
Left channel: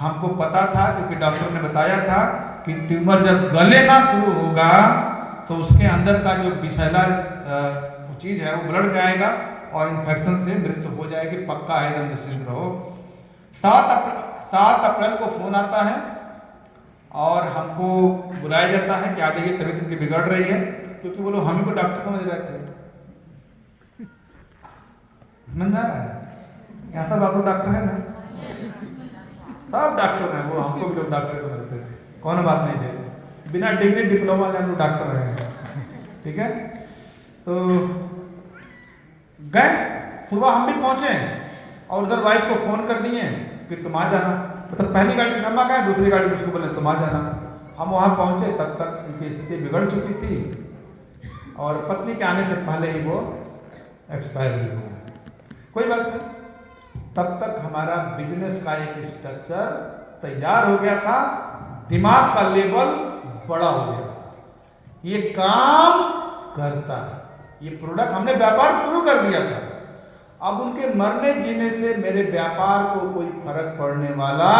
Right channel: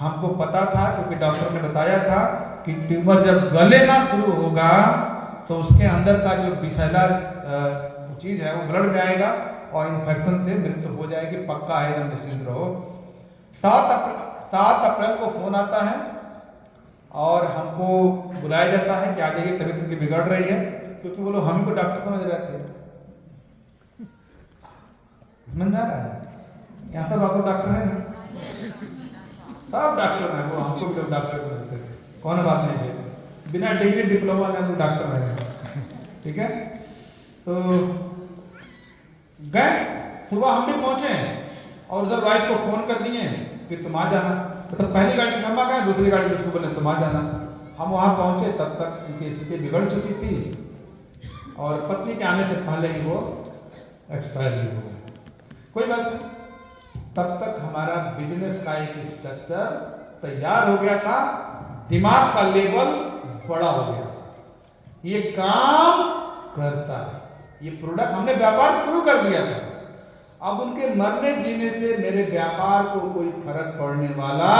हमको पता था, क्योंकि डॉक्टर ने बताया था कि ट्यूमर जब गलेना शुरू होगा तो उसके अंदर का जो विषैला चीज है वो ब्लड में आएगा और इन्फेक्शन से मृत्यु हो जाएगी, पक्का है, एकदम निश्चिंत रहो। 7 अप्रैल को फोन आता है और हमको बुलाया जाता है कि आ जाइए, तबीयत उनकी बिगड़ रही है, क्योंकि वो लोग हम ही को डॉक्टर समझ रहे थे। समझ आ रहा है? यहाँ सब आपको डॉक्टर है ना, सब डॉक्टर हैं, वो हमको भी लोग डॉक्टर समझते थे, कौन बात नहीं है, बिना डिग्री डिप्लोमा में हम डॉक्टर रहे, ठीक है। तो गए, सुबह हम भी पहुंचे और उधर वाइफ को फोन कर दिए कि तुम आ जाना। मतलब पहली गाड़ी हम आ गए, दूसरी गाड़ी उसको बोले तुम आ जाना। हम वहां पहुंचे, तब तक उनकी स्थिति बिगड़ चुकी थी और पत्नी के आने से पहले ही वो एक्सपायर भी हो गया। कोई बात नहीं, तब तक हमारा बिजनेस का एक स्ट्रक्चर तैयार हो गया था, दिमाग का लेवल बड़ा हो गया था, ये काम करता है, ये प्रोडक्ट हमने व्यापार शुरू कर दिया था। अब उनके मरने जीने से मेरे व्यापार को कोई फर्क पड़ने वाला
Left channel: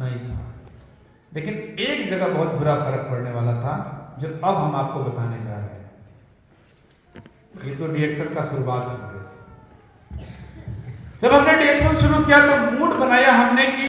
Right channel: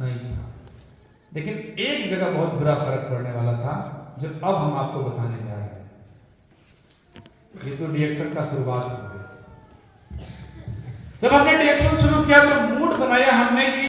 नहीं था, लेकिन एक जगह बहुत बुरा फर्क पड़ने वाला था, जो अब हम आपको बताने जा रहे हैं। ये तो डीएक्सल का शुरुआत हो गई। जब हमने डीएक्सल शुरू किया तो मूड बनाया हमने कि